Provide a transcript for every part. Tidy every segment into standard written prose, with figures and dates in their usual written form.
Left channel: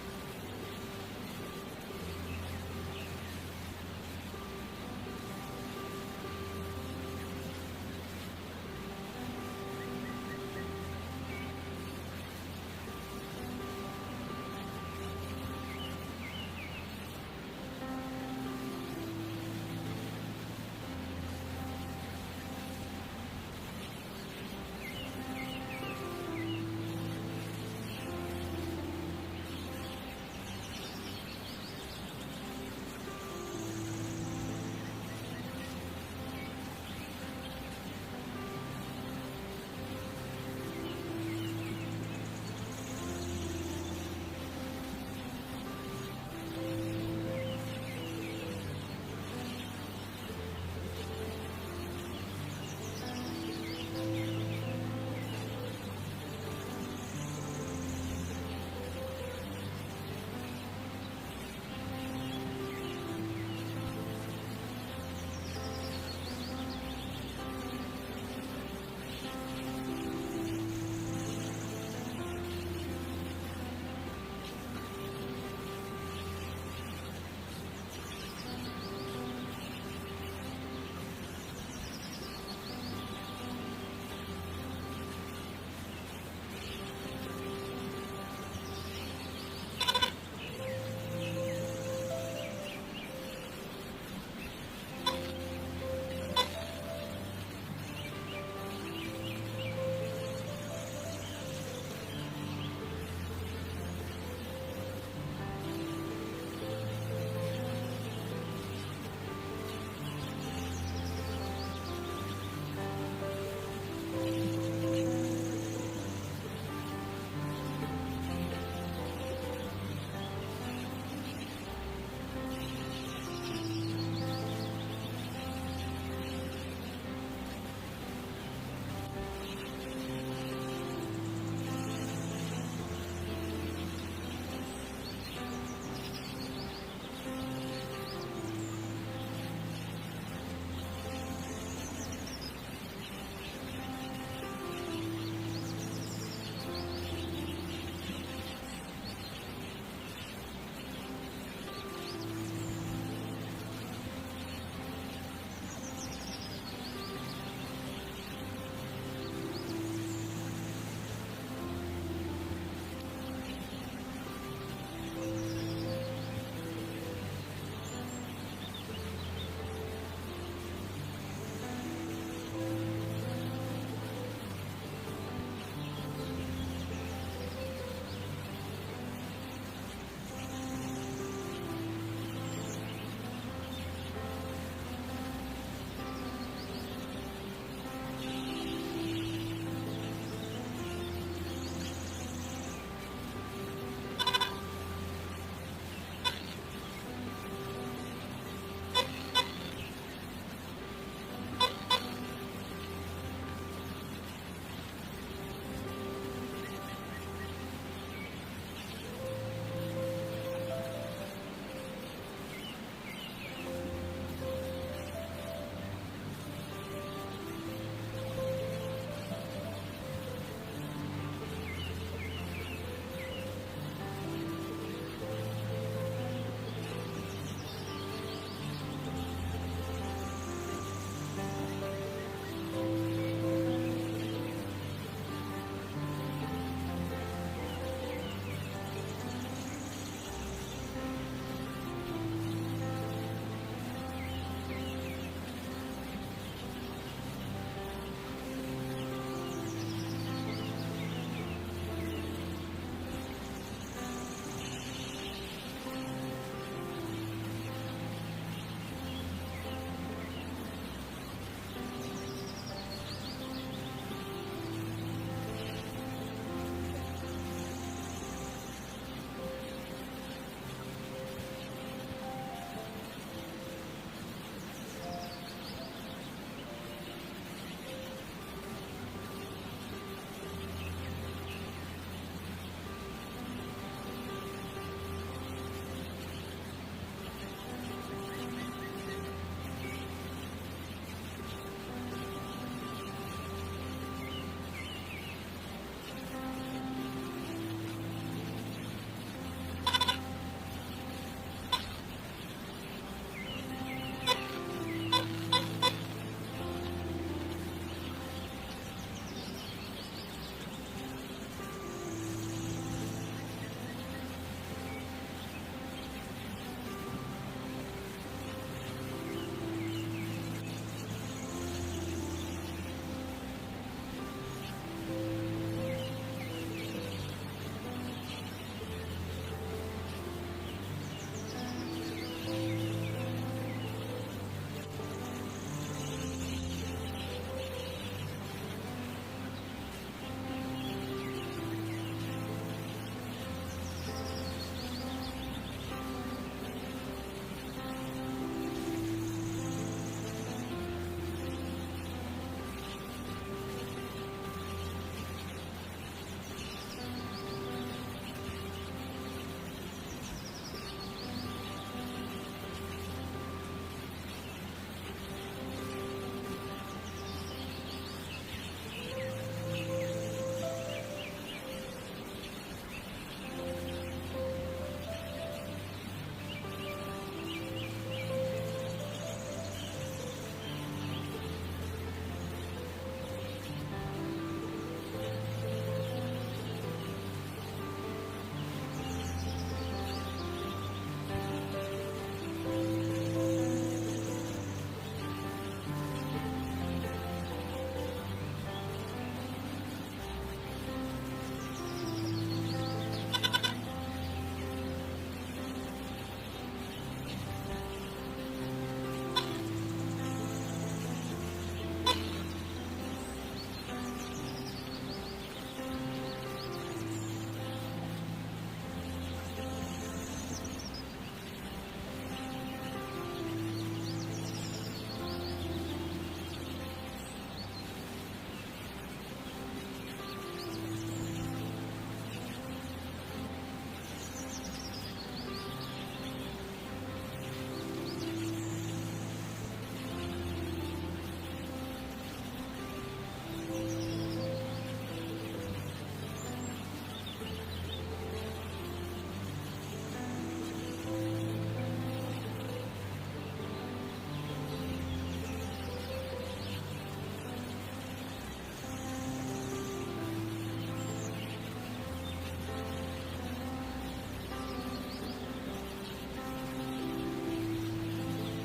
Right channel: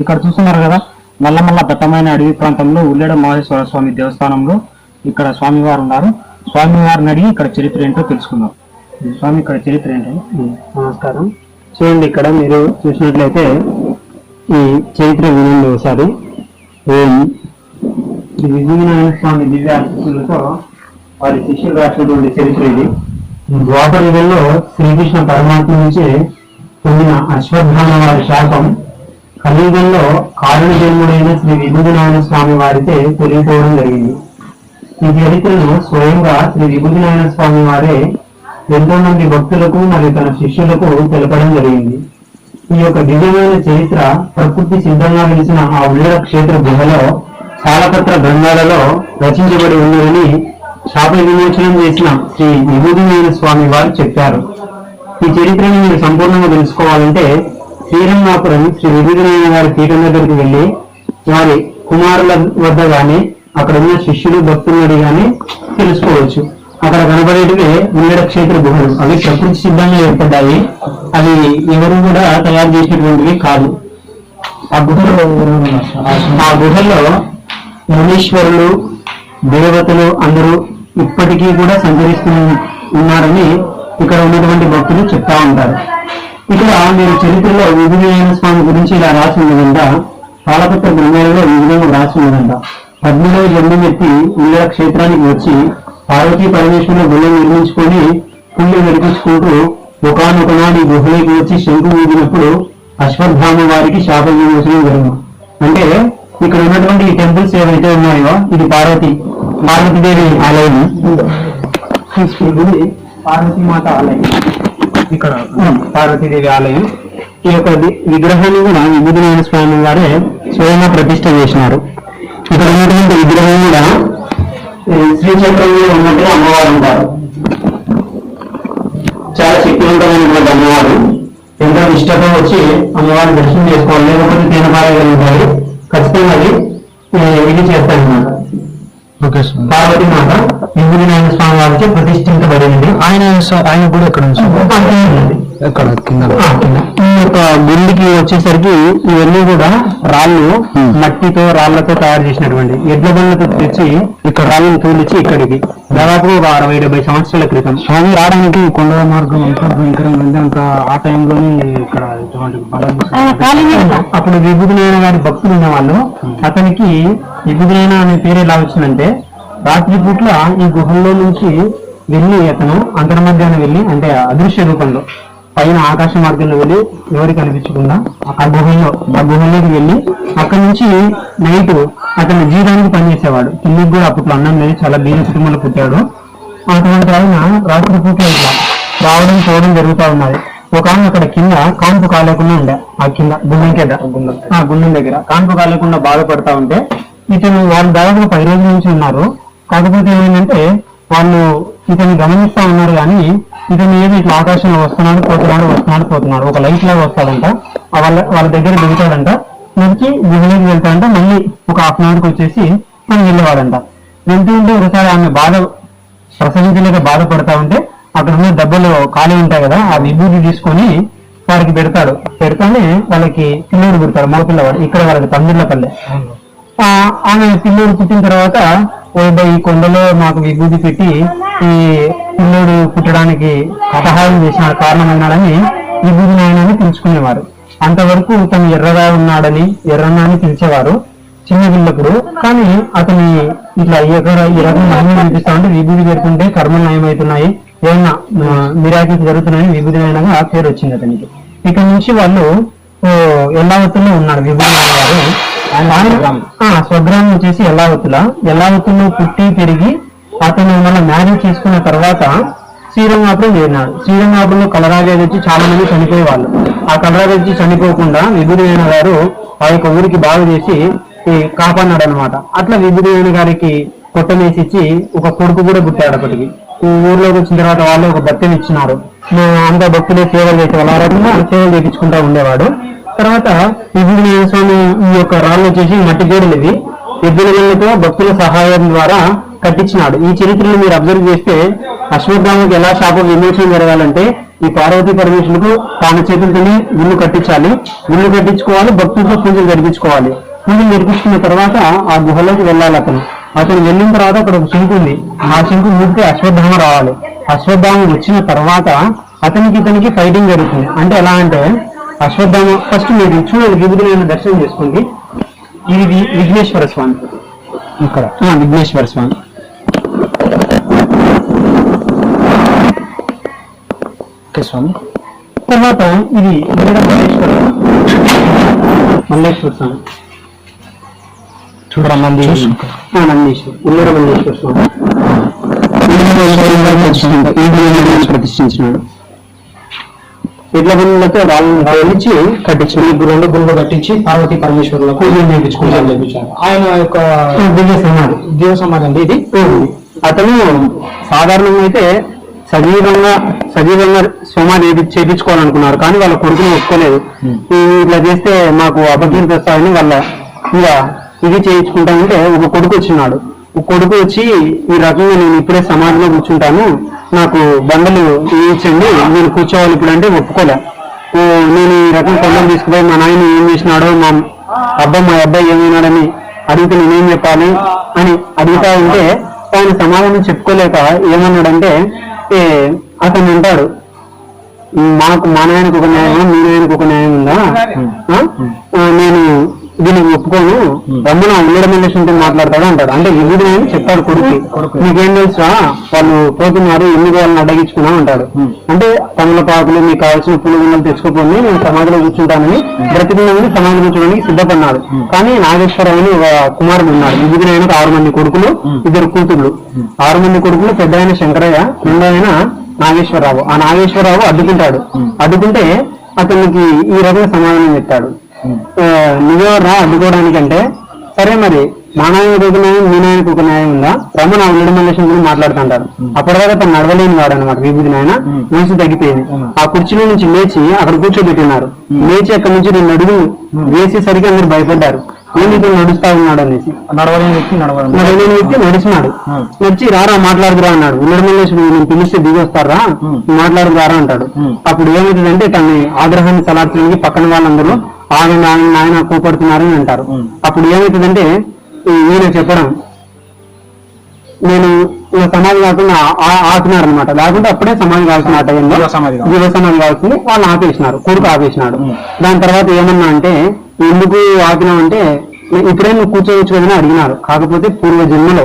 ఇక్కడ చూస్తున్నారు కదా, నల్లమల్ల దట్టమైన అడవి ప్రాంతంలో ఉల్లెడ మహేశ్వర స్వామి దేవస్థానంలో ఇక్కడ స్వామివారు ఉన్నారు. స్వామివారిని అడిగి ఇక్కడ చరిత్ర ఏంటో తెలుసుకుందాం. స్వామి, ఇక్కడ చరిత్ర ఏంటి? నమస్కారం. చూడండి, ఇక్కడ మీరు చూసినట్లయితే ఈ చరిత్ర వినండి ఒకసారి. శ్రీ విజయనారాయణ స్వామి దివ్య ఆశీస్సులతో వారి శిష్యులు రాసినటువంటి చరిత్ర ఇది. ద్వాపర యుగంలో శ్రీకృష్ణ పరమాత్మ నుంచి పొందిన అశ్వత్థామ వారి శాపం కలియుగంలో కారణ జన్ముడైన శ్రీ విభూతినారాయణ స్వామి వారితో తొలగిపోవడం జరిగింది. ఈ చరిత్రను స్వయంగా శ్రీ విభూతినారాయణ స్వామి వారే ఎంతో మంది భక్తులకు మరియు తన శిష్యులకు తెలపడం జరిగింది. ఈ యొక్క దివ్యమైన చరిత్ర ప్రకృతి సిద్ధంగా వెలిసిన ఆ ఉల్లెడ క్షేత్ర గుహలో శాలపత్ర గ్రంథాలలో రచించబడి ఉన్నదని శాప విమోచనం చేసిన శ్రీ విభూతినారాయణ స్వామి వారు చెప్పారు. ఈ చరిత్రను మీరు సంపూర్ణంగా తెలుసుకోవాలంటే శ్రీరంగాపురం శ్రీ విభూతినారాయణ గారి పీఠం దగ్గరికి వెళ్ళి వారి కుమారుల వద్ద గాని అక్కడ ఉన్న శిష్యులు భక్తులు గాని తెలుసుకోవచ్చు. అక్కడ కనబడేటివి ఉల్లెడ క్షేత్ర గుహలు. అవి ప్రకృతి సిద్ధంగా ఏర్పడ్డాయి. అవి ఎవరు కూడా తయారు చేసినటువంటివి కాదు. ఆ గుహల్లో మునీశ్వరులు, దేవతలు అందరూ ఇప్పటికీ కూడా సంచరిస్తూ ఉన్నారని ఇక్కడ ఉన్నటువంటి భక్తులు చెప్తా ఉంటారు. ఇక్కడ మీరు చరిత్రలో విభూతినారాయణ స్వామి గురించి ఇలా రాసి ఉన్నదంట. శాలపత్ర గ్రంథాలలో ఈ విధంగా రాసి ఉన్నదంట. 17వ జన్మం ఎత్తి ఉల్లెడ క్షేత్రానికి వచ్చి పార్వతీ పరమేశ్వరుల గుహ నిర్మించుకొని పుణ్య నడిపించుకుంటూ ఒకనొకనాడు ఈ గుహలోకి వచ్చి శంకు ఊదినప్పుడు అశ్వత్థామ వారికి శాప విమోచనం జరిగింది. అంటే ఇక్కడ ఉన్నటువంటి ఈ టెంపుల్స్ ఏవైతే ఉన్నాయో ఇది పార్వతీదేవి ఆలయం. ఈ గుడి పార్వతీమాత ఆలయం. ఇక్కడ పార్వతీదేవి ఆలయం. ఈ యొక్క విగ్రహాన్ని కూడా విభూతినారాయణ స్వామి వారే స్వయంగా ప్రతిష్ట చేసినారు. ఇక్కడ ఉన్నటువంటి విగ్రహం కూడా శ్రీచక్రంలో ఉన్నట్టుగా అమ్మవారు ఉంటారు. చాలా శక్తివంతమైనటువంటి అమ్మవారు. ఎంతో నిష్టతో వచ్చి అమ్మవారిని దర్శనం చేసుకోవాలి, లేకపోతే తేనపారగలుగుతారు. ఖచ్చితంగా అది ఇది చేస్తారన్నమాట. పార్వతీ మాత విభూతినారాయణ స్వామి వారికి ప్రతిష్ఠించబడింది. ఆయన కూడా ఎక్కడ ఎక్కడ కింద. ఈ యొక్క గుండికి వచ్చేసరికి ఇవన్నీ కూడా రాళ్ళు, రాళ్లతో తయారు చేసినటువంటి ఎడ్ల బండ్లతో తెచ్చి ఇక్కడ రాళ్ళను తోలిచి ఇక్కడికి దాదాపు ఒక 60-70 సంవత్సరాల క్రితం స్వామి రావడానికి కొండ మార్గం అంతా భయంకరంగా ఉంది. అంత ఆ టైంలోనే ఇక్కడ అప్పుడు విభూతినారాయణ గారి భక్తులు ఉన్న వాళ్ళు అతనికి విభూతినారాయణ అనే పేరు ఎలా వచ్చిందంటే రాత్రి పూట్ల ఈ గుహల్లో నుంచి వెళ్ళి అతను అంతర్మధ్యాన్ని వెళ్ళి అంటే అదృశ్య రూపంలో పైన ఆకాశ మార్గంలో వెళ్ళి ఎవరికి కనిపించకుండా ఆ గుహల్లోకి వెళ్ళి అక్కడి నుంచి నైట్ అతను జీవితానికి పనిచేసేవాడు. కిందికి కూడా అప్పట్లో అన్నం లేదు, చాలా బీద కుటుంబంలో పుట్టాడు. అటువంటి ఆయన రాత్రి పూట్ల ఇట్లా రావడం పోవడం జరుగుతూ ఉన్నది. ఒక ఆమె అక్కడ కింద కాన్పు కాలేకుండా ఉండే, ఆ కింద గుండెం దగ్గర కాన్పు కాలేకుండా బాధపడతా ఉంటే ఇతను వాళ్ళు దాదాపు 10 రోజుల నుంచి ఉన్నారు. కాకపోతే ఏమైందంటే వాళ్ళు ఇతన్ని గమనిస్తా ఉన్నారు కానీ ఇతను ఏది ఇట్లా ఆకాశంలో వస్తున్నాడు పోతున్నాడు ఒక లైట్ లాగా వస్తాడంట. వాళ్ళ దగ్గర దిగుతాడంట, నుంచి గుహలోకి వెళ్తాడంట. మళ్ళీ ఒక 1/2 అవర్కి వచ్చేసి మనం వెళ్ళేవాడంట. వెళ్తూ ఉంటే ఒకసారి ఆమె ప్రసవించలేక బాధపడతా ఉంటే అక్కడ ఉన్న దెబ్బలు ఖాళీ ఉంటాయి కదా, ఆ విభూతి తీసుకొని వారికి పెడతానే వాళ్ళకి పిల్లోడు పుడతాడు, మగ పిల్లవాడు. ఇక్కడ వాళ్ళకి తమ్మిళ్ళపల్లె. ఆమె పిల్లోడు పుట్టిన తర్వాత ఈ కొండలో మాకు విభూతి పెట్టి ఈ పిల్లోడు పుట్టడానికి సహాయం చేసిన కారణమైనాడని విభూతినారాయణని పిలుచుకునేవారు. అంతవరకు తను ఎర్రగా ఉన్నాడని ఎర్రన్నా అని పిలిచేవారు చిన్న పిల్లప్పుడు. కానీ అతని ఇట్లా ఈ రకం మహిళ అనిపిస్తా ఉంటే విభూతి పెడుతుంటే కర్మలు నయమవుతున్నాయి, ఏమన్నా మిరాకిల్స్ జరుగుతున్నాయని విభూతినారాయణగా ఆ పేరు వచ్చింది అతనికి. ఇక్కడ నుంచి వాళ్ళు ఎల్లావతుల్లో ఉన్నారు విభూతినారాయణ గారు. స్వగ్రామం వచ్చేసి ఎల్లావతుల్లో పుట్టి పెరిగి అతను మళ్ళీ మ్యారేజ్ చేసుకున్న తర్వాత శ్రీరంగాపురం చేరినాడు. శ్రీరంగాపురంలో కలరాగా వచ్చి చాలా మంది చనిపోయేవాళ్ళు. ఆ కలరాగా వచ్చి చనిపోకుండా విభూతినారాయణ గారు ఆ యొక్క ఊరికి బాగు చేసి కాపాడినాడు అనమాట. అట్లా విభూతినారాయణ గారికి కొట్టమేసి ఇచ్చి ఒక కొడుకు కూడా పుట్టాడు. అప్పటికి ఊర్లోకి వచ్చిన తర్వాత వాళ్ళు ఒక బత్తెని ఇచ్చినారు. అంతా భక్తులే సేవలు చేసేవాళ్ళు. ఆ రకంగా సేవలు చేయించుకుంటా ఉండేవాడు. తర్వాత విభూతినారాయణ స్వామి ఈ యొక్క రాళ్ళు వచ్చేసి మట్టి గోడలు ఇవి ఎద్దుల గళ్ళతో భక్తుల సహాయం ద్వారా కట్టించినాడు. ఈ చరిత్రను మీరు అబ్జర్వ్ చేస్తే అశ్వత్థామకి ఎలా శాప విమోచన జరగాలంటే ఈ పార్వతీ పరమేశ్వరులకు తన చేతులతోనే గుళ్ళు కట్టించాలి, గుళ్ళు కట్టించుకోవాలి, భక్తులతో పూజలు జరిపించుకోవాలి. పూజలు జరిపించుకున్న తర్వాత ఆ గుహలోకి వెళ్ళాలి. అతను వెళ్ళిన తర్వాత అక్కడ ఒక శంకు ఉంది, ఆ శంకు మూడితే అశ్వత్థామ రావాలి. అశ్వత్థామ వచ్చిన తర్వాత ఇతనికి ఫైటింగ్ జరుగుతుంది. అంటే ఎలా అంటే అశ్వత్థామ ఫస్ట్ మీరు చూడండి, విభుదులైన దర్శనం చేసుకోండి. ఇది విఘ్నేశ్వర స్వామి, ఇక్కడ విఘ్నేశ్వర స్వామి. స్వామి తర్వాత ఇది మల్లేశ్వర స్వామి, చూడరా నందీశ్వర ఉల్లూర మల్లేశ్వర స్వామి ప్రతిష్ఠించినాడు. ఇట్ల గుళ్ళతో రాళ్ళని కట్టించాడు. రెండు గుళ్ళు కట్టించి పార్వతీ పరమేశ్వరులకు పూజలు చేయించారు. ఆయన యొక్క దివ్య సమాధి అండి ఇది. అతను సాధారణంగా అయితే సజీవంగా సమాధి చేయించుకోవాలనుకున్నారు, కానీ వాళ్ళ కొడుకుని ఒప్పుకోలేదు. ఇట్లా చేస్తే మాకు అబద్ధం తెస్తారని వాళ్ళ ఇంకా ఇది చేయించుకుంటామంటే ఒక కొడుకు వచ్చినాడు. ఒక కొడుకు వచ్చి ఈ రకంగా నేను ఇప్పుడే సమాధిలో కూర్చుంటాను, నాకు బండలు ఇచ్చండి, నేను కూర్చోవాలి ఇప్పుడు అంటే ఒప్పుకోలే. నేను ఈ రకం కొండలు తీసుకుపోయి మా నాయన ఏం చేసినాడో, మా అబ్బాయి ఏమైనాడని అడిగితే నేనేం చెప్పాలి అని అడుగుతా ఉంటే ఆయన సమాధానం చెప్పుకోలేక ఏమన్నాడంటే అతను అంటాడు, మాకు మా నాయనకు ఒక న్యాయం, మీ నాయనకు ఒక న్యాయం ఉందా, నేను దీనికి ఒప్పుకోను, రమ్మన ఉల్లూర మల్లేశ్వరుతో మాట్లాడతాడు అంటాడు. అంటే విభుడు అని చెప్తాడు కొడుకు, నీకేం తెలుసా వాళ్ళు పోతున్నారు, ఎన్ని వాళ్ళని అడ్డగించుకున్నాం అంటాడు. అంటే తమలపాకులు మీకు కావాల్సిన పులుగులు తెచ్చుకోపోయి నేను సమాధిలో కూర్చుంటానని బ్రతికిని సమాధి కూర్చోడానికి సిద్ధపడినాడు. కానీ నాగేశ్వరరావు అని ఒక కుమారుడు ఉన్నాడు. విభుడు ఆయనకు 6 మంది కొడుకులు, 2 కూతుళ్ళు. 6 మంది కొడుకులు, పెద్ద ఆయన శంకరయ్య, రెండో ఆయన నాగేశ్వరరావు. ఆ నాగేశ్వరరావు అడ్డుకుంటాడు. అడ్డుకుంటే అతనికి ఈ రకంగా సమాధానం చెప్తాడు, నువ్వెవరా అడ్డుకోవడానికంటే, సరే మరి మా నాయనకు ఒక న్యాయం, మీ నాయనకు ఒక న్యాయం ఉందా, రమణ ఉల్లూర మల్లేశ్వరం గురించి మాట్లాడుతుంటారు. అప్పటిదాకా తను నడవలేని వాడు అనమాట విభూతి నాయన. వయసు తగ్గిపోయింది. ఆ కుర్చీలో నుంచి లేచి అక్కడ కూర్చోబెట్టినారు. లేచి అక్కడి నుంచి 2 అడుగులు వేసేసరికి అందరు భయపడ్డారు, ఏం ఇతను నడుస్తా ఉన్నాడు అనేసి. నడవలేని వ్యక్తి నడిచినాడు. నడిచి రారా మాట్లాడుకురా అన్నాడు. ఉల్లూర మల్లేశ్వరుడు నేను పిలిస్తే దిగి వస్తారా, మాట్లాడుకురారా అంటాడు. అప్పుడు ఏమవుతుందంటే తన ఆగ్రహాన్ని చలార్చడానికి పక్కన వాళ్ళందరూ ఆయన కోపడుతున్నారని అంటారు. అప్పుడు ఏమవుతుందంటే ఈయన చెప్పడం, నేను సమాధి కాకుండా ఆపినారు అనమాట. లేకుంటే అప్పుడే సమాధి కావాల్సిన ఆ టైంలో జీవ సమాధి కావాల్సింది వాళ్ళు ఆపేసినారు, కొడుకు ఆపేసినాడు. దాని తర్వాత ఏమన్నా అంటే ఎందుకు ఆపినావు అంటే, ఇప్పుడే నువ్వు కూర్చోవచ్చు కదని అడిగినారు. కాకపోతే పూర్వజన్మలో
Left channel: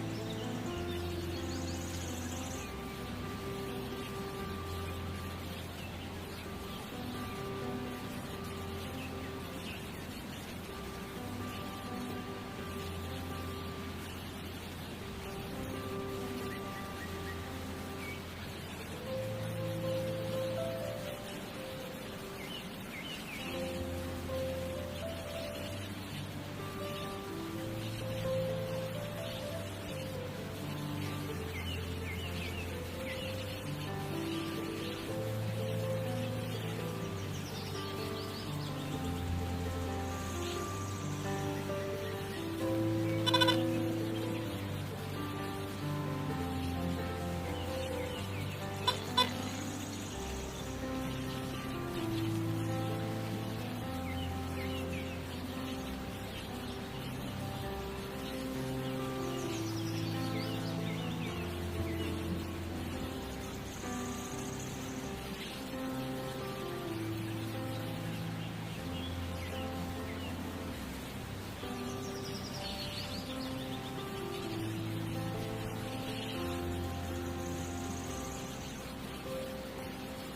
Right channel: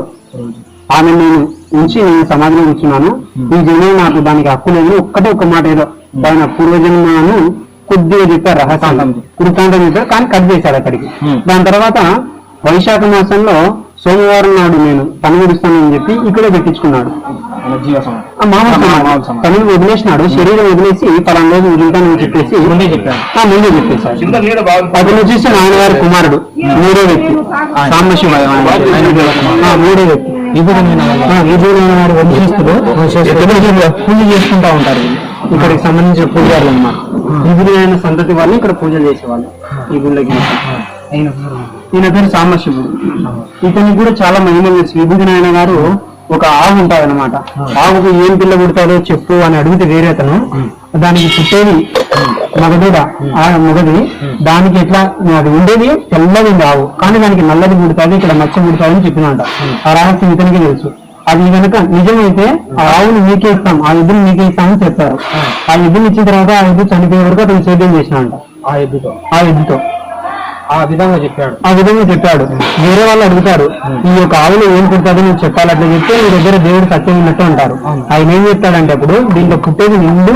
ఆమె నేను ఉంచి నేను సమాధిలో కూర్చున్నాను, ఈ జన్మ నాకు దానికి హక్కు లేదు. ఒక్క మాట ఏదో ఆయన పూర్వజన్మను కొద్దిగా చెప్పారు, రహస్యం కృతాంతం చెప్పారు, కానీ కట్ చేశాడు అక్కడికి. దాని తర్వాత వైశాఖ మాసంలో సోమవారం నాడు నేను పని విడుస్తానని చెప్పి ఇక్కడే పెట్టించుకున్నాడు. తనని వదిలేసినాడు, శరీరం వదిలేసి పలానా రోజు వదులుతానని చెప్పేసి ముందే చెప్పేశాడు. అతను వచ్చేసి నాన్నగారి కుమారుడు, 3వ వ్యక్తి సాంబశివయ్య, 3వ వ్యక్తి. విభూదైన వారి వంశస్థులు పూజ చేసుకుంటా ఉంటారు. ఇక్కడికి సంబంధించిన పూజారులు అన్నమాట. విభూదైన సంతతి వాళ్ళు ఇక్కడ పూజలు చేసేవాళ్ళు ఈ గుళ్ళకి. ఈయన పేరు సాంబశివుడు. ఇతనికి కూడా చాలా మహిమ తెలుసు. విభూతి నాయన గారు ఒక ఆవు ఉంటాదన్నమాట. ఆవుకు ఏం పిల్ల పుడతాడో చెప్పు అని అడిగితే వేరే అతను దానికి పుట్టేది మగదూడ, ఆ మగది దానికి ఎట్లా అది ఉండేది తెల్లది ఆవు, కానీ దానికి నల్లది పుడుతుంది, ఇక్కడ మచ్చ పుడుతుంది అని చెప్పినట. ఆ రహస్యం ఇతనికి తెలుసు. అది కనుక నిజమైతే ఆ ఆవును మీకే ఇస్తాం, ఆ ఎద్దును మీకే ఇస్తామని చెప్పారు. ఆ ఎద్దుని ఇచ్చిన తర్వాత ఆ ఎద్దు చనిపోయే వరకు అతను సేద్యం చేసినంట. ఆ ఎద్దుతో ఆ విధంగా చెప్పాడు. వేరే వాళ్ళు అడుగుతారు, ఈ యొక్క ఆవులు ఏం పుడతాదో నువ్వు చెప్పాలి, అట్లా చెప్తే నీ దగ్గర దేవుడు సత్యం ఉన్నట్టు అంటారు. ఆయన ఏం చెప్తాడంటే అప్పుడు దీంట్లో పుట్టేది నిండు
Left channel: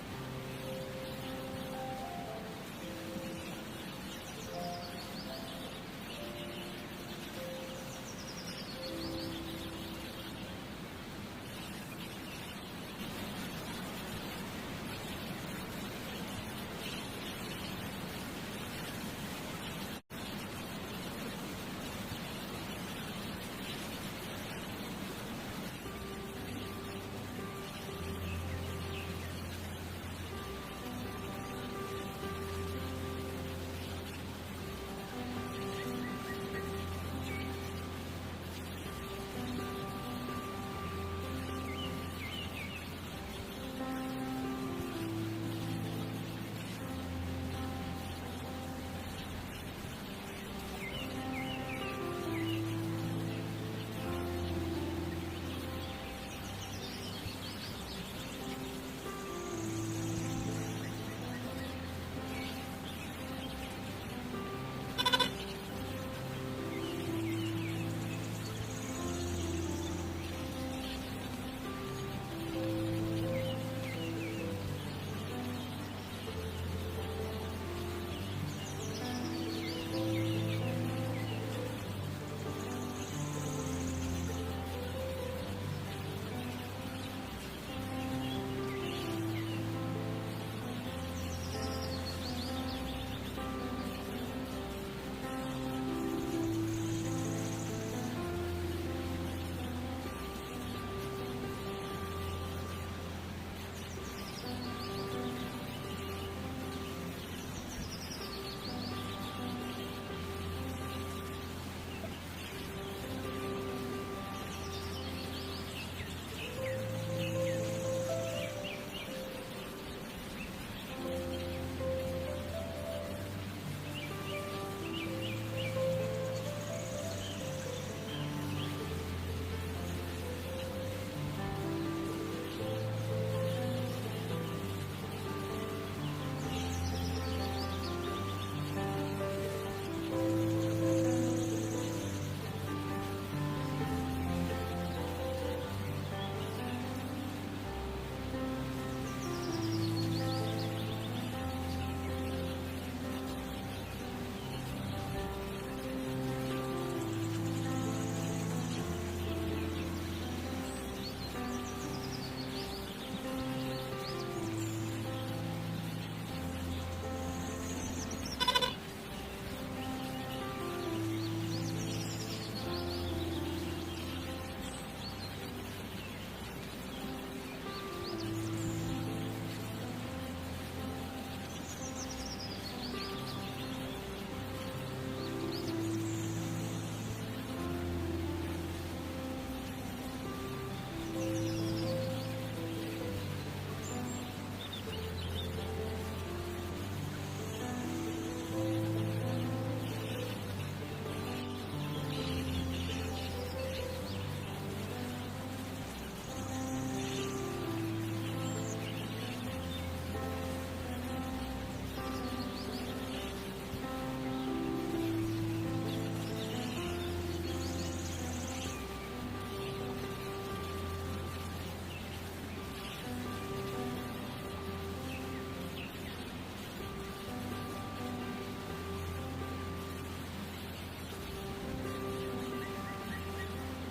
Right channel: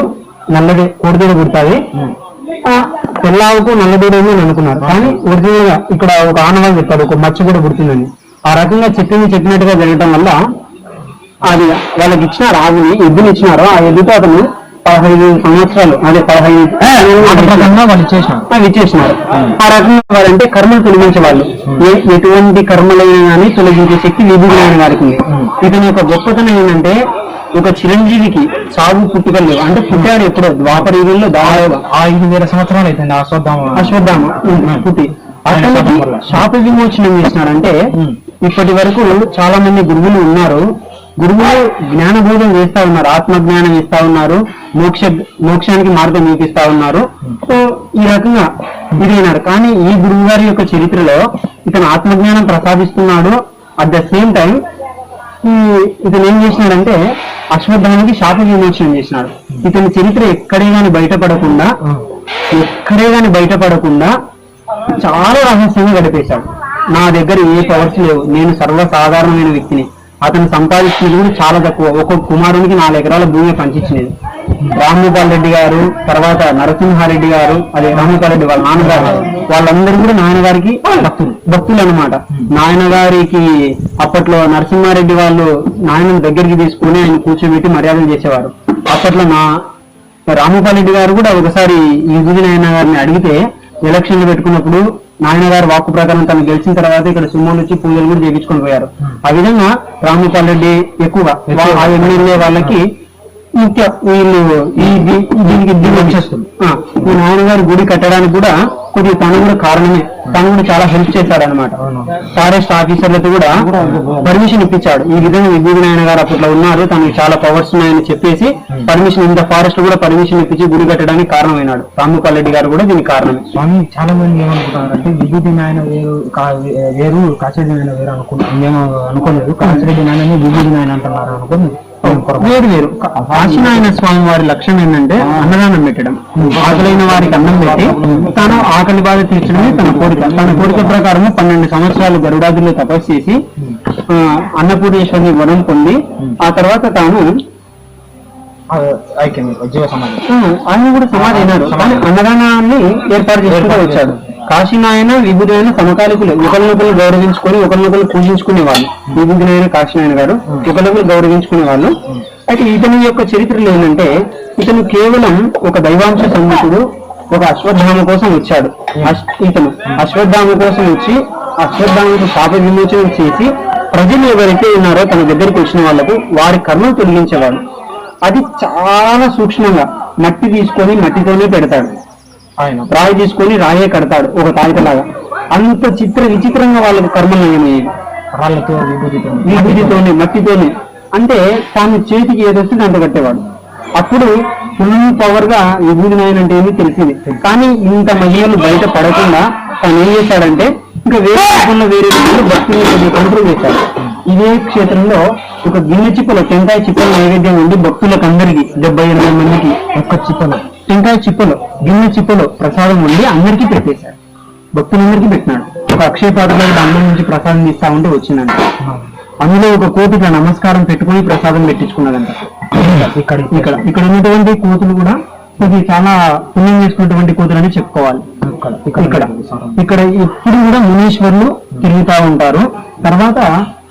నల్లది కోడిదూడ పుడతాది, తెల్ల ఆవుకు నల్లదూడేమో అని అనుకున్నారు. కానీ ఒరిజినల్ గా ఇక్కడ ఒక ఆనవాళ్ళు చెప్తాడు, ఒక మచ్చ కూడా పుడుతుందని. ఆ రకంగా చెప్పినట్టుగా జరగటం వల్ల అది వాళ్ళకి ఇచ్చినారు, ఆవుని ఎద్దుని ఇచ్చినారు. ఆ ఎద్దుతో అతను 15 సంవత్సరాలు, అదే 15 ఇచ్చేసినారు. ఆ రకంగా వారంటే కర్మలు తొలగించే వాళ్ళు, ఎటువంటి కర్మలైనా కానీ తొలగించే శక్తి విభూతి వారికి ఉంది. ఇతని యొక్క గొప్పతనం ఏంటంటే ఒక చిరంజీవికి సాగు పుట్టుకలు, అంటే పుట్టాడు ఎప్పుడో ద్వాపర యుగంలో దాదాపు 5,000 సంవత్సరాలు అయిపోయింది అశ్వత్థామ పుట్టి. అతనికి శాప విమోచనం చేసినారంటే ఇప్పటి వరకు చాలా మంది గురువులు ఉన్నారు, గురువులు జ్ఞానబోధం చేస్తా ఉన్నారు, ఆత్మజ్ఞానం ఇస్తా ఉన్నారు, మోక్షానికి మార్గం చూపిస్తా ఉన్నారు. సో ఈ రకంగా ఇదైనారు. కానీ ఈ గురువు గారి యొక్క చరిత్రలో ఇతను ఆత్మజ్ఞానం ప్రసాదిస్తున్నాడు. అట్ ద సేమ్ టైం ఇతను ఏం చేసినాడంటే అశ్వత్థానికి శాప విమోచనం చేసినాడు. ఇతని చరిత్ర ఎక్కడే గాని బయటపడకుండా చాలా రహస్యంగా గడిపేశాడు. నా దగ్గర ఏ పవర్స్ లేవు, నేను సర్వసాధారణమైన వ్యక్తిని. అతను సంపాదించినది కూడా చాలా తక్కువ. ఒక్కొక్క కుమారునికి 4 ఎకరాల భూమి పంచించినది. రామ్మోపాల్ రెడ్డి గారు, తర్వాత నరసింహారెడ్డి గారు, అదే రామ్మోపాల్ రెడ్డి వాళ్ళ నాన్నగారు, వాళ్ళందరూ కూడా నాయనగారికి భక్తులు అనమాట. నాయనగారికి అప్పట్లో నరసింహారెడ్డి వాళ్ళు నాయనను దగ్గరికి తీసుకుని ఆయన కూర్చోబెట్టి మర్యాదలు చేసేవారు. అప్పట్లో రామ్మోపాల్ రెడ్డి గారు కూడా ఒకసారి ఈ నాయన గారిని అడిగితే ఎలక్షన్లు పెట్టుకున్నప్పుడు నాయనగారు వాక్కు ప్రకారం తను గెలిచిన తర్వాత ఇక్కడ సుమోలు వచ్చి పూజలు కూడా చేయించుకొని పోయారు. ఆ విధంగా రామ్మోపాల్ రెడ్డి ఎక్కువగా ఆ ఎమ్మెల్యే వాళ్ళకి ముఖ్య వీళ్ళు దీనికి వచ్చేస్తుంది. ఈ నాయనగారు గుడి కట్టడానికి కూడా కొద్దిగా తను కూడా కారణమే. తను కూడా చాలా హెల్ప్ చేశాడనమాట. ఫారెస్ట్ ఆఫీసర్లతో కూడా పర్మిషన్ ఇప్పించాడు. ఈ విధంగా విభూతి నాయన గారు అప్పట్లో ఉన్నారు, తనకి చాలా పవర్స్ ఉన్నాయని చెప్పేసి పర్మిషన్, ఇంత ఫారెస్ట్ కూడా పర్మిషన్ ఇప్పించి గుడి కట్టడానికి కారణమైనాడు. రామ్మోపాల్ రెడ్డి గారు కూడా దీనికి కారణమే. స్వామి చాలా మంది ఏమనుకుంటారంటే విభూతి నాయన వేరు కాచిరెడ్డి నాయన వేరు అనుకోలేదు. కాచిరెడ్డి నాయనని విభూతి నాయన అంటున్నారు అనుకోలేదు. వేరు కాశీనాయన స్వామి వారి లక్ష్యం ఏంటంటే అన్నదానం పెట్టడం. ఆకలైన వారికి అన్నం పెట్టి తాను ఆకలి బాధ తీర్చడమే తన కోరిక ప్రకారం 12 సంవత్సరాలు గరుడాదుల్లో తపస్సు చేసి అన్నపూర్ణేశ్వరిని వరం పొంది ఆ తర్వాత తాను ఆయన కూడా సమాధి అయినాడు. కానీ అన్నదానాన్ని ఏర్పాటు చేసుకుంటూ వచ్చాడు. కాశీనాయన విభూతినాయన సమకాలికులు, ఒకరినొకరు గౌరవించుకొని ఒకరినొకరు పూజించుకునే వాళ్ళు. విభూతినాయన కాశీనాయన గారు ఒకరినొకరు గౌరవించుకునే వాళ్ళు. అయితే ఇతని యొక్క చరిత్రలో ఏంటంటే ఇతను కేవలం ఒక దైవాంశ సంహితుడు, ఒక అశ్వత్థామ కోసం వచ్చాడు. ఇతను అశ్వత్థామ కోసం వచ్చి అశ్వత్థామకు శాప విమోచన చేసి ప్రజలు ఎవరైతే ఉన్నారో తన దగ్గరికి వచ్చిన వాళ్లకు వారి కర్మను తొలగించేవాడు. అది చాలా సూక్ష్మంగా మట్టి తీసుకొని మట్టితోనే పెడతాడు. ఆయన రాయి తీసుకొని రాయే కడతాడు ఒక తాయితలాగా. అంత విచిత్రంగా వాళ్ళకు కర్మలు నయమయ్యేది. రాళ్లతో విభూతితోనే మట్టితోనే. అంటే తాను చేతికి ఏదొస్తుంది అంత కట్టేవాడు. అప్పుడు ఫుల్ పవర్ గా విభూతి నాయన అంటే ఏమీ తెలిసింది. కానీ ఇంత మహిళలు బయట పడకుండా తాను ఏం చేశాడంటే ఇంకా వేరే భక్తులు కంట్రోల్ చేశాడు. ఇదే క్షేత్రంలో ఒక గిన్నె చిప్పలో టెంకాయ చిప్పలు నైవేద్యం ఉండి భక్తులకు అందరికీ 70-80 మందికి ఒక్క చిప్పలో టెంకాయ చిప్పలో గిన్నె చిప్పలో ప్రసాదం ఉండి అందరికీ పెట్టేశాడు. భక్తులందరికీ పెట్టినాడు. ఒక అక్షయ పాత్రలో అన్నం నుంచి ప్రసాదం ఇస్తా ఉంటే వచ్చిందంట. అందులో ఒక కోతిగా నమస్కారం పెట్టుకుని ప్రసాదం పెట్టించుకున్నదంట. ఇక్కడ ఉన్నటువంటి కోతులు కూడా ఇది చాలా పుణ్యం చేసుకున్నటువంటి కోతులని చెప్పుకోవాలి. ఇక్కడ ఇప్పుడు కూడా మునీశ్వరులు తిరుగుతా ఉంటారు. తర్వాత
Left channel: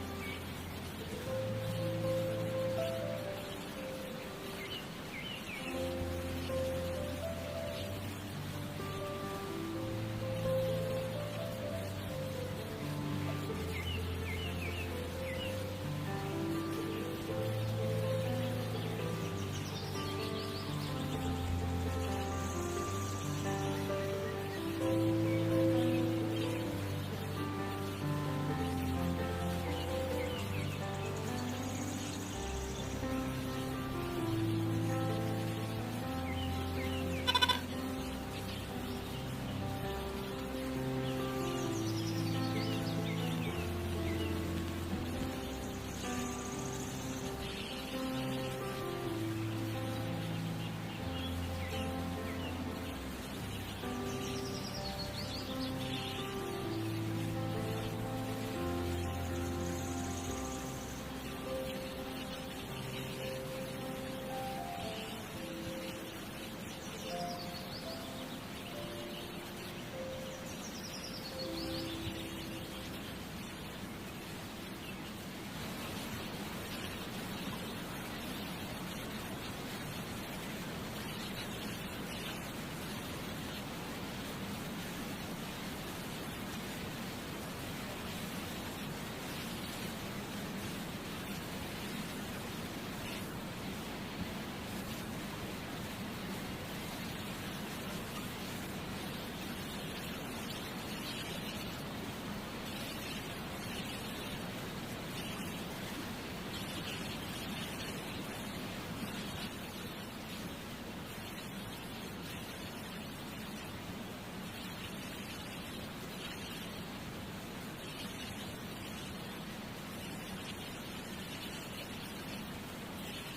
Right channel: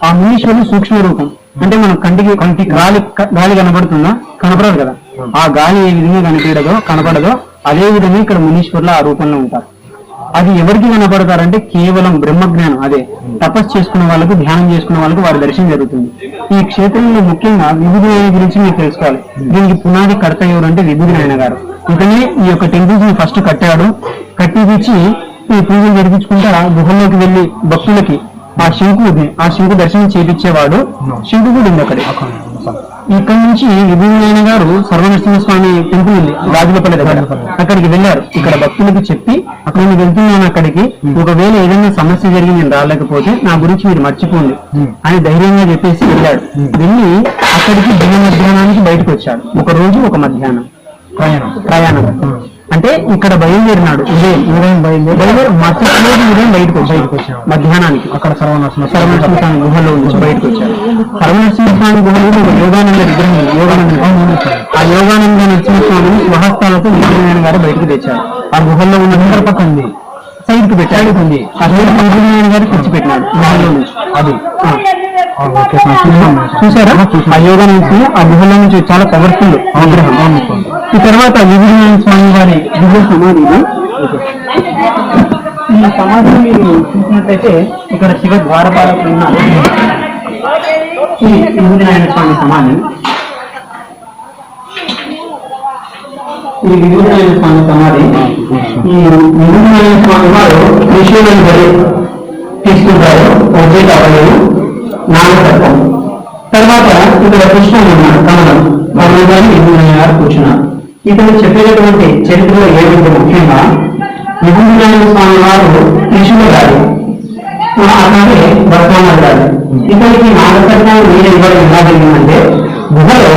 ఆ మునీశ్వరులు సూక్ష్మ రూపం అంటే మనం కంటికి గాలి కనబడుతుందా? కనపడదు కదా. ఆ గాలి ఏ విధంగా కనపడదో అదే విధంగా ఇక్కడ మునీశ్వరులు ఆ రూపంలో ఉంటారు. అది ఎవరికి కనపడతారంటే కేవలం బ్రహ్మజ్ఞానం, అదే తపస్సు చేసుకున్న వాళ్ళకు, ధ్యానం చేసుకున్న వాళ్ళకు వారి దర్శనం జరుగుతుంది. ఈ క్షేత్రంలో ముఖ్యంగా విభూతి నాయన గురించి మీరు తెలుసుకోవాలి. దీనికి పునాది కర్త ఎవరంటే విభూతి నాయన గారు. ఇతనే ఈ యొక్క టెంపుల్స్ ని ఫస్ట్ కట్టించి ఈ పూజలు జరిపించుకుంటా గుహల్లోకి వెళ్లి భక్తులకి ఆ శంకు దర్శనం చేయించేవాడు. శంకు కూడా ఉంది అక్కడే. ఇక్కడ నుంచి విభూతి నాయన గారు సర్వనరసింహస్వామి టెంపుల్ ఉంది రాజులపల్లి దగ్గర, అక్కడికి వెళ్ళారు. ఇక్కడ భక్తులకు చెప్పి నేను వెళ్తున్నాను అక్కడికి, ఒకవేళ ఏదైనా సమస్య జరిగి నేను రాలేకపోతే నా గురించి మీరు మర్చిపోండి అని ధైర్యంగా చెప్పేసి వెళ్ళాడు. వెళ్ళి అక్కడికి దిన మధ్యాహ్నానికి బయటకు వచ్చాడు. ఒక రోజు ఒక మధ్యాహ్నం ప్రయాణం అంటే ఇక్కడ బయలుదేరినాడు. ఉదయం బయటకు వచ్చాడు మధ్యాహ్నానికి. అక్కడ సర్వనరసింహస్వామి గుహలో నుంచి బయటకు వచ్చాడు. సర్వనరసింహస్వామి గుహలో ఒక యోగానంద విగ్రహం, ఆ యోగానంద నరసింహస్వామిని స్వహస్తాలతో విజయనారాయణ గారు బయటకు తెచ్చారు. ఆ గుహల్లో ఉన్న పక్క ఉంది, సైడ్ కి పెట్టాడు. ఆ సైడ్ విజయనారాయణ గారు తెచ్చిపెట్టినాడు గుహల్లో నుంచి. అది చూసారా? ఆ యోగా నుంచి ఆ గుహలో నుంచి చాలా పవర్ఫుల్ విగ్రహం. ఈ తర్వాత విజయనారాయణ స్వామి వారి దివ్య సమాధి. ఈ సమాధిని మీరు చూసినట్లయితే ఇక్కడ శివ ద్వారపాలకులు ఉన్నారు. ఈ విజయనారాయణ స్వామి సమాధి. ఈ విజయనారాయణ స్వామి సమాధి. ఈ విజయనారాయణ స్వామి వారు విషయాలను తీసుకుంటారు. నాగతత్వం తర్వాత ఇక్కడ కృష్ణుడు ఉన్నాడు, కమలం గారి విభూతినారాయణ గారు కూర్చున్నారు. ఇతను చెప్పేటటువంటి చరిత్రలో ఏమిటంటే ముఖ్యంగా విభూతినారాయణ స్వామి వారు కృష్ణుడు గారు, అలాగే బతుకమ్మ గారు. ఇతనికి నాగకర్ణం మీద ఇవ్వడం ఎలా జరిగిందంటే, గుహలో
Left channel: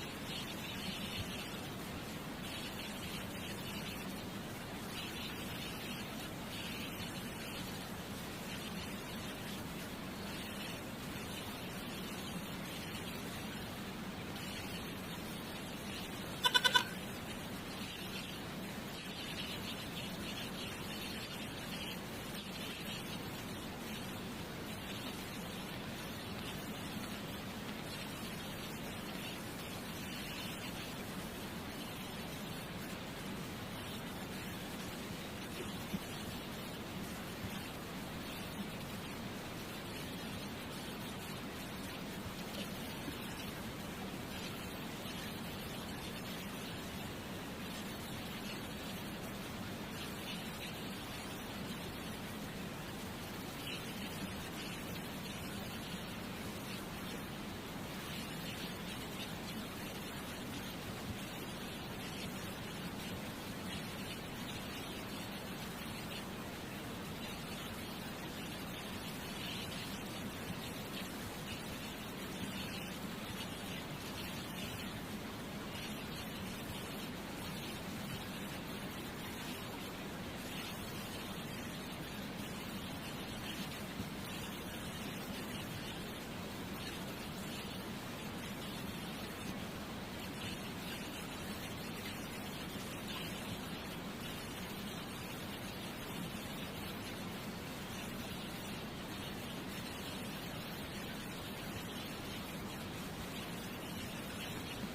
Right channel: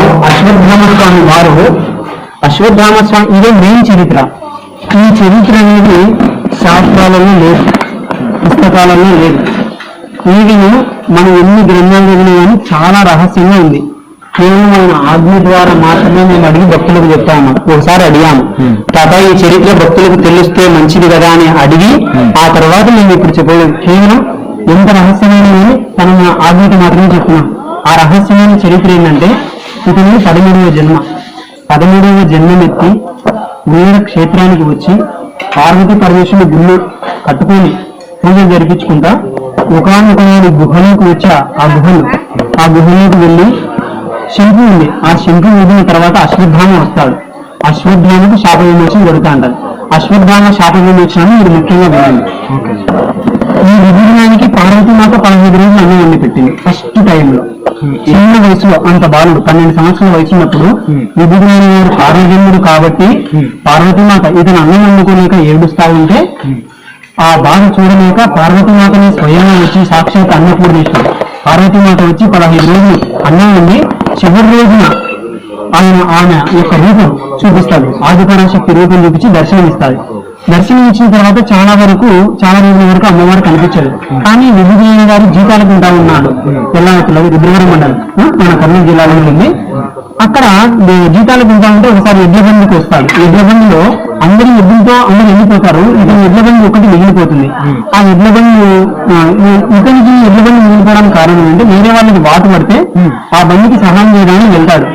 అశ్వత్థామ స్వామి ఇదే మెయిన్ చరిత్ర. ఈ చరిత్ర అనేది శాస్త్రాలలో లేదు, పుస్తకాలలో లేదు. వీటిని మనం ఎన్ని గ్రంథాలు చదివినా కానీ చాలా రహస్యంగా ఉంది. కేవలం ఆయన ఆజ్ఞ ద్వారా మాత్రమే మేము అడిగి భక్తులకు చెప్తా ఉన్నాం. ఒకసారి అడిగాము, తాత ఈ చరిత్ర భక్తులకు తెలిస్తే మంచిది కదా అని అడిగి ఆ తర్వాత మేము ఇప్పుడు చెప్పలేదు. కేవలం ఎంత రహస్యమైన తన ఆజ్ఞకి మాత్రమే చెప్తున్నాం. ఆ రహస్యమైన చరిత్ర ఏంటంటే, ఇతను 13వ జన్మమెత్తి వీర క్షేత్రానికి వచ్చి పార్వతీ పరమేశ్వరుని గుళ్ళు కట్టుకొని పూజలు జరిపించుకుంటా ఒకనొక గుహలోకి వచ్చి ఆ గుహలోకి వెళ్ళి శంకు ఉంది. ఆ శంకు ఊదిన తర్వాత అశ్వత్థామ వస్తాడు. అశ్వత్థామకు శాప విమోచన జరుగుతా అంటారు. అశ్వత్థామ శాప విమోచనాన్ని మీరు ముఖ్యంగా వినండి. ఈ విభజనానికి పార్వతీమాత 15 రోజులు అన్నం వండి పెట్టింది. ఫస్ట్ టైంలో చిన్న వయసులో, అంత బాలుడు 12 సంవత్సరాల వయసు ఉన్నప్పుడు విభజనాన్ని వారు ఆరోగ్యముడు కాబట్టి పార్వతీమాత ఇతను అన్నం వండుకోలేక ఏడుస్తా ఉంటే ఆ బాధ చూడలేక పార్వతీమాతని స్వయంగా వచ్చి సాక్షాత్ అన్నపూర్ణేశ్వరుడు పార్వతీమాత వచ్చి 15 రోజులు అన్నం వండి చివరి రోజున ఆమె యొక్క రూపం చూపిస్తాడు. ఆదిపరాశక్తి రూపం చూపించి దర్శనం ఇస్తాడు. దర్శనం ఇచ్చిన తర్వాత చాలా రోజుల వరకు అమ్మవారు కనిపించదు. కానీ విభూతినారాయణ గారు జీతాలకు ఉంటా ఉన్నాడు. తెల్లవతిలో రుద్రవరం మండలం మన కర్నూలు జిల్లాలో ఉంది. అక్కడ జీతాలకు ఉంటా ఉంటే ఒకసారి ఎడ్ల బండికి వస్తాడు. ఎడ్ల బండిలో అందరూ వెళ్ళిపోతారు. ఇతని ఎడ్ల బండి ఒకటి మిగిలిపోతుంది. ఆ ఎడ్ల బండి ఇతనికి ఎడ్ల బండి మిగిలిపోవడానికి కారణం ఏంటంటే, వేరే వాళ్ళకి వాటు పడితే ఆ బండికి సహాయం చేయడానికి వెళ్తాడు.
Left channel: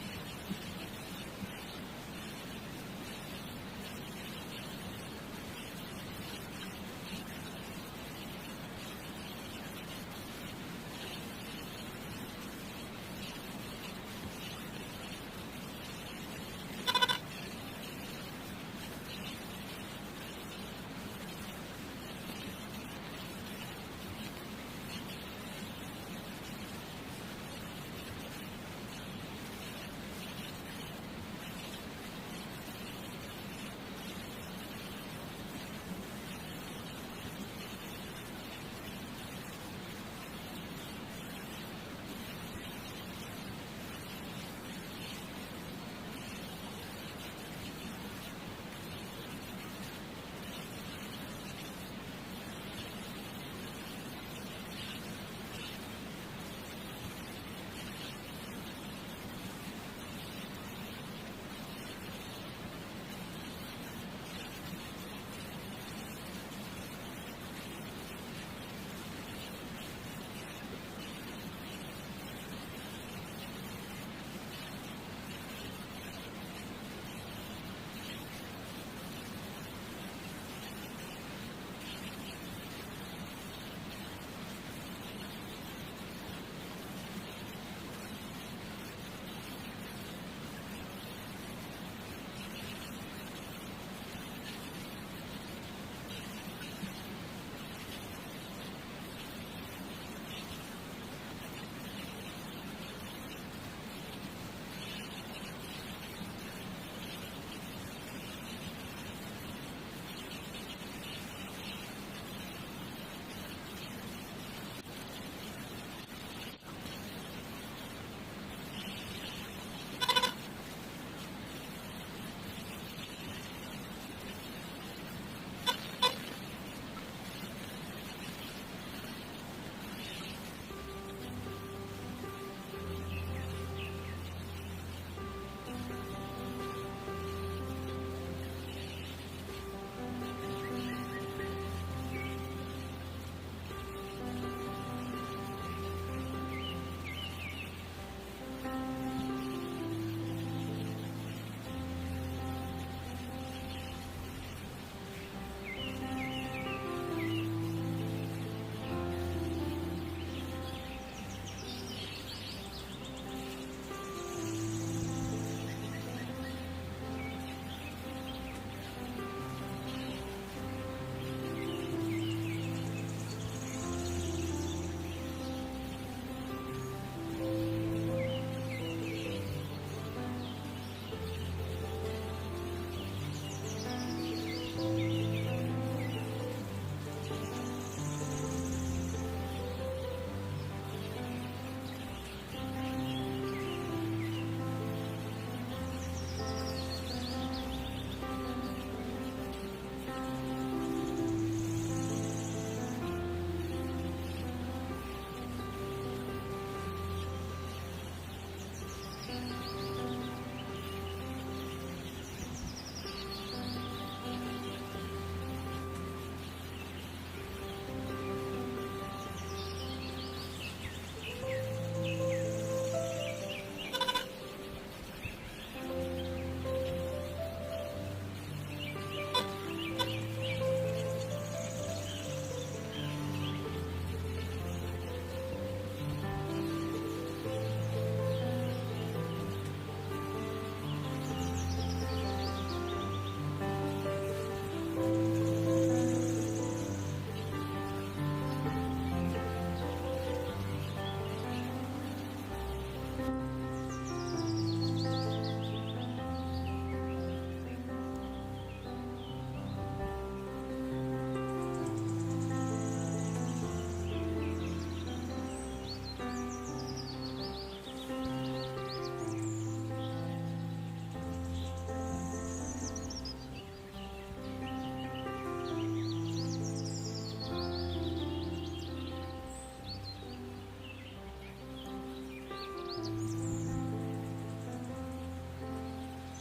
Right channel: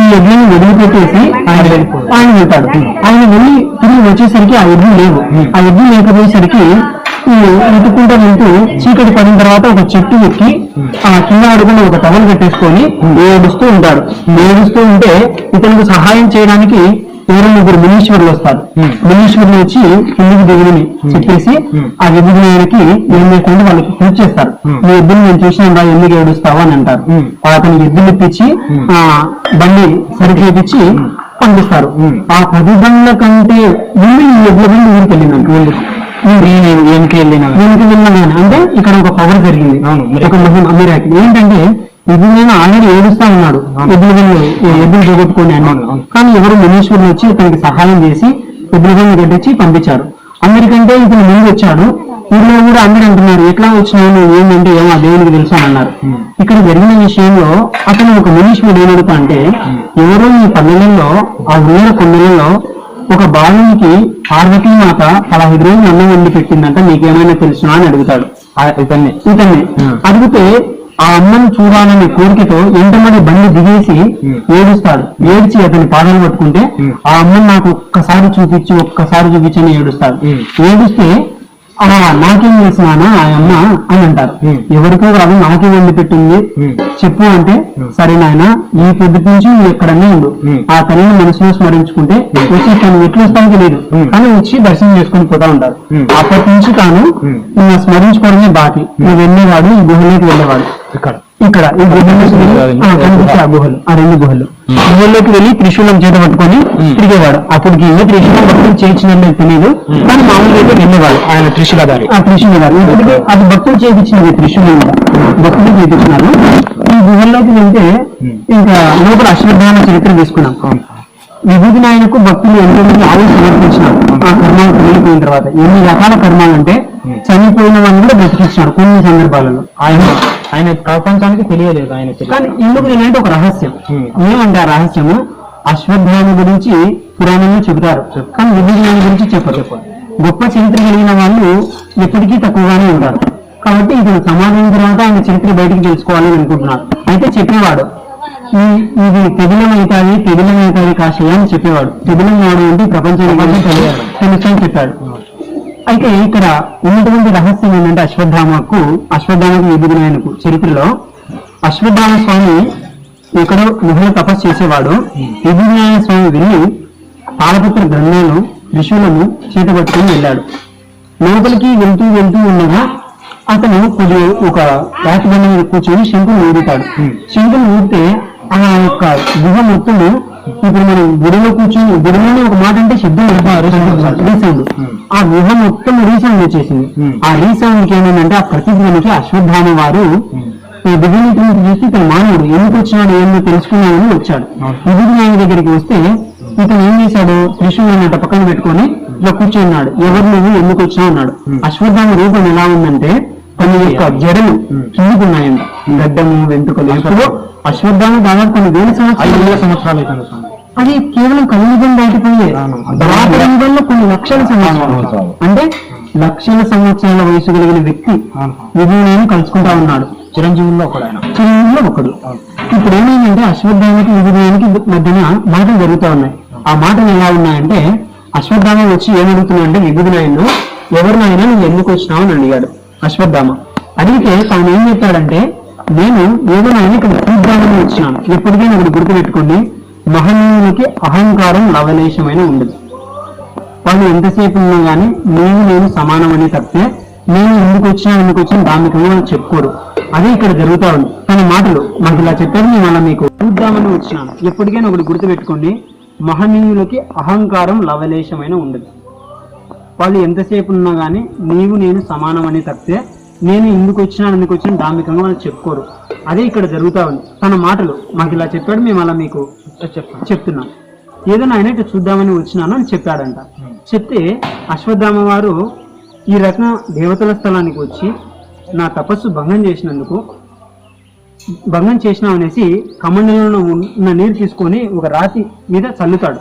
ఈ ఎడ్లని వదిలిపెట్టేసి ఆయన వెళ్తాడు. ఆయన వెళ్ళి తిరిగి వచ్చేసరికి ఆ ఎడ్లు లేవు. ఆ ఎడ్లు లేకపోయేసరికి ఎత్తుకుంటూ వెళ్తూ చీకటి పడిన తర్వాత ఒక చెట్టు ఎక్కి ఆ కింద ఆడుకుని ఒక టవల్ కట్టేసుకొని ఏడుస్తూ ఉంటాడు. ఏడుస్తూ ఉంటే ఇతనికి సహాయం చేయడానికి 2-3 మునీశ్వరులు వస్తారు. మునీశ్వరులు వచ్చి కిందికి దిగుని చెప్పేసి ఆ విభజనకి ఏం చేస్తుంటే వాళ్ళకి పూజ చేస్తారు. ఈ ఎద్దులు నేను చూసినా ఎందుకు ఏడుస్తావా అని అంటారు. అతనికి ఎద్దులు ఇప్పించి ఆ బండి సరిచేపించి పంపిస్తారు. ఆ 10 బండ్ల కంటే ముందు ఈ ఎద్దుల బండి ఊరికి వెళ్ళిందంట. వెనక్కి వెళ్ళినా అంటే ఇక్కడ ఒక పవర్ జరిగింది. ఒక అమీరాకి ఏంటంటే, విభజన ఆల్రెడీ ఏడుస్తా ఉన్నాడు, ఎద్దులు పోగొట్టుకోండి అన్నాడు. కానీ ఎవరు మునీశ్వరులు వచ్చి ఇతనికి సహాయం చేసి ఎద్దులను కట్టించి పంపించారు. అందరికంటే ఇతను ముందు వచ్చాడు. ఊళ్ళో కూడా అందరూ అంటున్నారు, ఎట్లా వచ్చినావు ఏంటంటే ఏమో ఆ దేవునికి తెలుసు అని అన్నారు. ఇక్కడ జరిగిన విషయంలో అతను ఒక మునీశ్వరుడు ఏమడుగుతా అంటే, ఎవరో ఈ పల్లెలలో ఆ ఊర కొండలలో ఒక బాలునికి పార్వతీమాత 15 రోజులు అన్నం వండి పెట్టిందంట, నీకేమైనా తెలుసునా అని అడుగుతాడు. ఇతన్ని అడిగితే ఆ అమ్మని చూడాలనే కోరికతో ఎంతమంది బండి దిగేసి ఏడుస్తాడు. ఏడ్చి అతని పాదాలు పట్టుకుంటే ఆ అమ్మని నాకు ఒక్కసారి చూపించని ఏడుస్తాడు. ఏడుస్తే నాకేం చేసినానా ఆ అమ్మ అని అంటారు. ఎవరికో కాదు నాకే వండి పెట్టింది చెప్పు అంటే, సరే నాయన ఈ పొద్దుటి నుంచి నువ్వు ఎక్కడన్నా ఉండు, ఆ తల్లిని మనసులో స్మరించుకుంటే వచ్చి తను ఎట్లు వస్తానో తెలియదు కానీ వచ్చి దర్శనం చేసుకుని పోతా ఉంటారు. అప్పటి నుంచి తాను స్మరించుకోవడమే బాకి. నువ్వు వెళ్ళేవాడు, ఈ గుహలోకి వెళ్ళేవాడు. ఇక్కడ ఈ గుహలో కనిపించే ఆ గుహలు, ఆ 2 గుహలు గుహల్లోకి వెళ్ళి త్రిశూలం చేత పట్టుకొని తిరిగేవాడు. అప్పటికి ఇల్లు త్రిశూలం భక్తులు చేయించినట్టు తెలియదు, కానీ మామూలుగా అయితే వెళ్ళేవాడు. ఆయన త్రిశూలధారి, ఆ త్రిశూలధారి. ఇప్పటికీ అది భక్తులు చేయించినది, త్రిశూలం కూడా భక్తులు చేయించినారు. ఈ గుహల్లోకి వెళ్తే ఇంకా లోపల అశ్వత్థామ చరిత్ర తీసుకున్నాం. విభూతినారాయణకు భక్తులు ఎంతో మంది ఆవులు సమర్పించినారు. ఆ కర్మాలు వెళ్ళిపోయిన తర్వాత ఎన్ని రకాల కర్మాలు అంటే, చనిపోయిన వాళ్ళని కూడా బ్రతికించినాడు కొన్ని సందర్భాలలో. ఆయన ప్రపంచానికి తెలియలేదు. ఆయన కానీ ఇందుకు ఏంటంటే ఒక రహస్యం. ఏమంటే ఆ రహస్యము అశ్వత్థామ గురించి పురాణంలో చెబుతారు, కానీ విభూతినారాయణ గురించి చెప్పరు. గొప్ప చరిత్ర కలిగిన వాళ్ళు ఎప్పటికీ తక్కువగానే ఉంటారు. కాబట్టి ఇతను సమాజం తర్వాత ఆయన చరిత్ర బయటికి తెలుసుకోవాలని అనుకుంటున్నారు. అయితే చెప్పేవాడు, ఇది తెగిలమవుతాయి కాశయ్య అని చెప్పేవాడు. తెగిలం వాడు అంటే ప్రపంచానికి తెలుసని చెప్పాడు. అయితే ఇక్కడ ఉన్నటువంటి రహస్యం ఏంటంటే, అశ్వత్థామకు విభూతినారాయణకు చరిత్రలో అశ్వత్థామ స్వామి ఎక్కడో గుహలో తపస్సు చేసేవాడు. విభూతినారాయణ స్వామి వెళ్ళి తాళపత్ర గ్రంథాలను త్రిశూలము చేతపట్టుకుని వెళ్ళాడు. లోపలికి వెళ్తూ ఉండగా అతను కొద్దిగా ఒక రాతి బండ మీద కూర్చొని శంకుని ఊదుతాడు. శంకుని ఊదితే ఆ యొక్క గుహ మొత్తము ఇప్పుడు మనం గుడిలో కూర్చొని గుడిలోనే ఒక మాట అంటే శబ్దం రీసౌండ్, ఆ గుహ మొత్తం రీసౌండ్ వచ్చేసింది. ఆ రీసౌండ్ కి ఏమైందంటే ఆ ప్రతిధ్వనికి అశ్వత్థామ వారు దివ్యనీతి చూసి ఇతను మానవుడు ఎందుకు వచ్చినాడు ఏమో తెలుసుకున్నాడని వచ్చాడు. విభుది ఆయన దగ్గరికి వస్తే ఇతను ఏం చేశాడు, త్రిశూలాన్ని అట్ట పక్కన పెట్టుకొని ఇలా కూర్చున్నాడు. ఎవరు నువ్వు ఎందుకు వచ్చినా అన్నాడు. అశ్వత్థామ రూపం ఎలా ఉందంటే కొన్ని యొక్క జడలు కిందుకున్నాయంట, గడ్డము వెంట్రుకలు. ఇప్పుడు అశ్వత్థామ దాదాపు కొన్ని వేల సంవత్సరాలు అవుతుంది. అది కేవలం కలియుగం దాటిపోయే వల్ల కొన్ని లక్షల సంవత్సరాలు, అంటే లక్షల సంవత్సరాల వయసు కలిగిన వ్యక్తి విభుని కలుసుకుంటా ఉన్నాడు. చిరంజీవుల్లో ఒకడు. ఇప్పుడు ఏమైందంటే అశ్వత్థామకి విభునికి మధ్యన మాటలు జరుగుతూ ఉన్నాయి. ఆ మాటలు ఎలా ఉన్నాయంటే అశ్వత్థామ వచ్చి ఏమడుగుతున్నా అంటే విభునాయను, ఎవరినైనా నువ్వు ఎందుకు వచ్చినావు అని అడిగాడు అశ్వత్థామ. అడిగితే తాను ఏం చెప్పాడంటే నేను ఎవరినైనా ఇక్కడ చూద్దామని వచ్చినాను. ఎప్పటికైనా ఒకటి గుర్తుపెట్టుకోండి, మహనీయునికి అహంకారం లవలేశమైన ఉండదు. వాళ్ళు ఎంతసేపు ఉన్నా గానీ నేను సమానమని తప్పితే నేను ఎందుకు వచ్చినా దానికంగా చెప్పుకోరు. అదే ఇక్కడ జరుగుతా ఉంది. తన మాటలు మాకు ఇలా చెప్పారు, నేను అలా మీకు చూద్దామని వచ్చినాను. ఎప్పటికైనా ఒకటి గుర్తుపెట్టుకోండి, మహనీయులకి అహంకారం లవలేశమైన ఉండదు. వాళ్ళు ఎంతసేపు ఉన్నా గానీ నేను సమానమని తప్పితే నేను ఎందుకు వచ్చినా దానికంగా వాళ్ళు చెప్పుకోరు. అదే ఇక్కడ జరుగుతా ఉంది. తన మాటలు మాకు ఇలా చెప్పాడు, మేము అలా మీకు చెప్తున్నాం. ఏదైనా ఆయన ఇట్లా చూద్దామని వచ్చినాను అని చెప్పాడంట. చెప్తే అశ్వత్థామ వారు ఈ రకం దేవతల స్థలానికి వచ్చి నా తపస్సు భంగం చేసినామనేసి కమండలంలో ఉన్న నీరు తీసుకొని ఒక రాతి మీద చల్లుతాడు.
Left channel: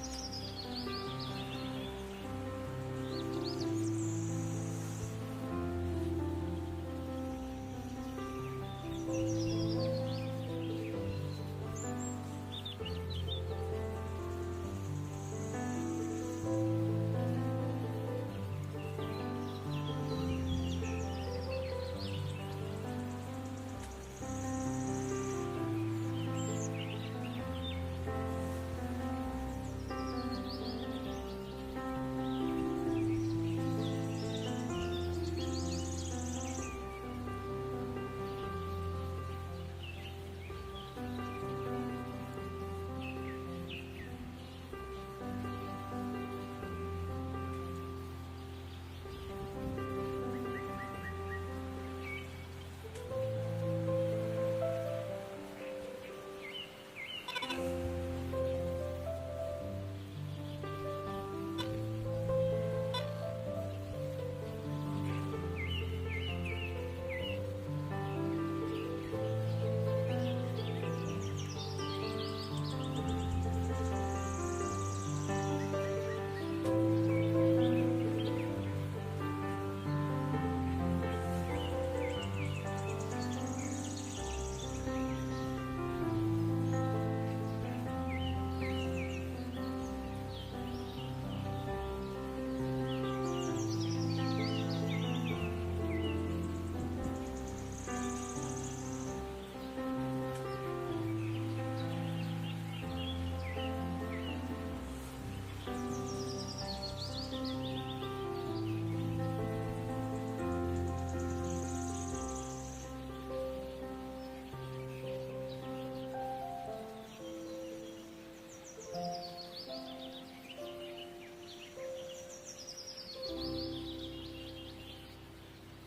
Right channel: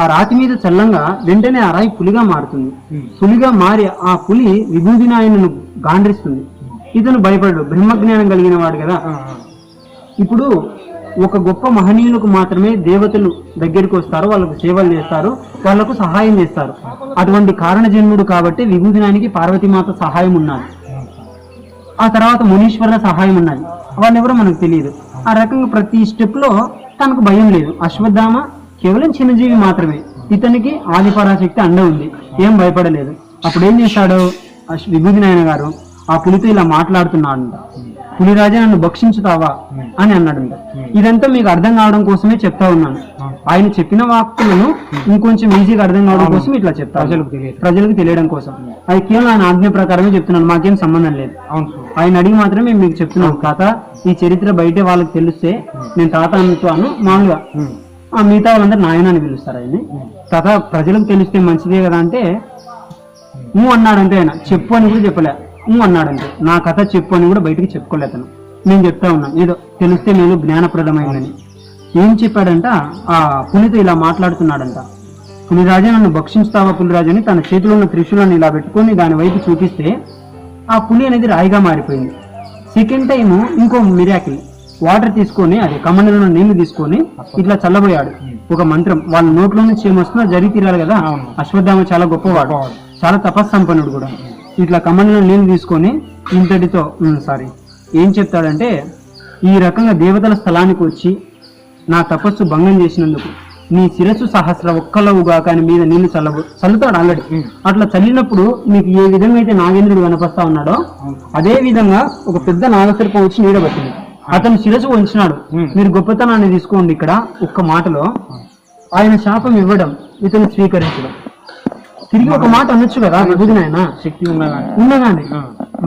ఆ రాతి మీద చల్లంగా వెంటనే ఆ రాయి పులిగా మారుతుంది. పులిగా మారి ఆ పులి విభూదినాయనను గాండ్రిస్తుంది. ఇతను భయపడు, బ్రహ్మజ్ఞానం కలిగిన వాడు కదా. ఇప్పుడు ఒక గొప్ప మహనీయులకు మాత్రమే దేవతలు దగ్గరికి వస్తారు, వాళ్ళకు సేవలు చేస్తారు, వాళ్లకు సహాయం చేస్తారు. అటువంటి కారణ జన్ముడు కాబట్టి విభూతినానికి పార్వతీమాత సహాయం ఉన్నది, ఆ తర్వాత మునీశ్వరుల సహాయం ఉన్నది. వాళ్ళెవరో మనకు తెలియదు. ఆ రకంగా ప్రతి స్టెప్ లో తనకు భయం లేదు. అశ్వత్థామ కేవలం చిన్నజీవి మాత్రమే, ఇతనికి ఆదిపరాశక్తి అండ ఉంది, ఏం భయపడలేదు. అప్పుడు ఏం చేశాడు విభూతినాయన గారు, ఆ పులితో ఇలా మాట్లాడుతున్నాడు, పులిరాజా నన్ను భక్షించుతావా అని అన్నాడు. ఇదంతా మీకు అర్థం కావడం కోసమే చెప్తా ఉన్నాను. ఆయన చెప్పిన వాక్కులను ఇంకొంచెం ఈజీగా అర్థం కావడం కోసం ఇట్లా చెప్తా, ప్రజలకు తెలియడం కోసం. అది కేవలం ఆయన ఆజ్ఞ ప్రకారమే చెప్తున్నాను, మాకేం సంబంధం లేదు. ఆయన అడిగి మాత్రమే మేము మీకు చెప్తున్నాం. తాత ఈ చరిత్ర బయట వాళ్ళకి తెలిస్తే నేను తాత అనుతాను, మామూలుగా ఆ మిగతా వాళ్ళందరూ నాయన అని పిలుస్తారు ఆయన్ని. తాత ప్రజలకు తెలిస్తే మంచిదే కదా అంటే అన్నాడంటే ఆయన, చెప్పు అని కూడా చెప్పలే, అన్నాడంటే. నా కథ చెప్పు అని కూడా బయటికి చెప్పుకోలేదు అతను. నేను చెప్తా ఉన్నాను ఏదో తెలిస్తే నేను జ్ఞానప్రదమైందని. ఏం చెప్పాడంట, ఆ పులితో ఇలా మాట్లాడుతున్నాడంట, పులిరాజా నన్ను భక్షిస్తావా పులిరాజు అని తన చేతిలో ఉన్న త్రిశూలాన్ని ఇలా పెట్టుకొని దాని వైపు చూపిస్తే ఆ పులి అనేది రాయిగా మారిపోయింది. సెకండ్ టైము ఇంకో మిరాకిల్, వాటర్ తీసుకొని అది కమండలో నీళ్లు తీసుకొని ఇట్లా చల్లబోయాడు. ఒక మంత్రం వాళ్ళ నోట్లో నుంచి ఏమొస్తుందో జరిగి తీరాలి కదా. అశ్వత్థామ చాలా గొప్పవాడు, చాలా తపస్సంపన్నుడు కూడా. ఇట్లా కమండలో నీళ్లు తీసుకొని ఇంతటితో ఏం చెప్తాడంటే, ఈ రకంగా దేవతల స్థలానికి వచ్చి నా తపస్సు భంగం చేసినందుకు నీ శిరస్సు సహస్ర ఒక్కలవుగా కానీ మీద నీళ్లు చల్లుతాడు ఆల్రెడీ. అట్లా చల్లినప్పుడు మీకు ఏ విధంగా అయితే నాగేంద్రుడు కనపస్తా ఉన్నాడో అదే విధంగా ఒక పెద్ద నాగసర్పం వచ్చి నీడబట్టింది. అతను శిరస్సు వంచినాడు. మీరు గొప్పతనాన్ని తీసుకోండి. ఇక్కడ ఒక్క మాటలో ఆయన శాపం ఇవ్వడం, ఇతను స్వీకరించడం. తిరిగి ఒక మాట అనొచ్చు కదా, విభూతినాయన శక్తి ఉన్నగానే.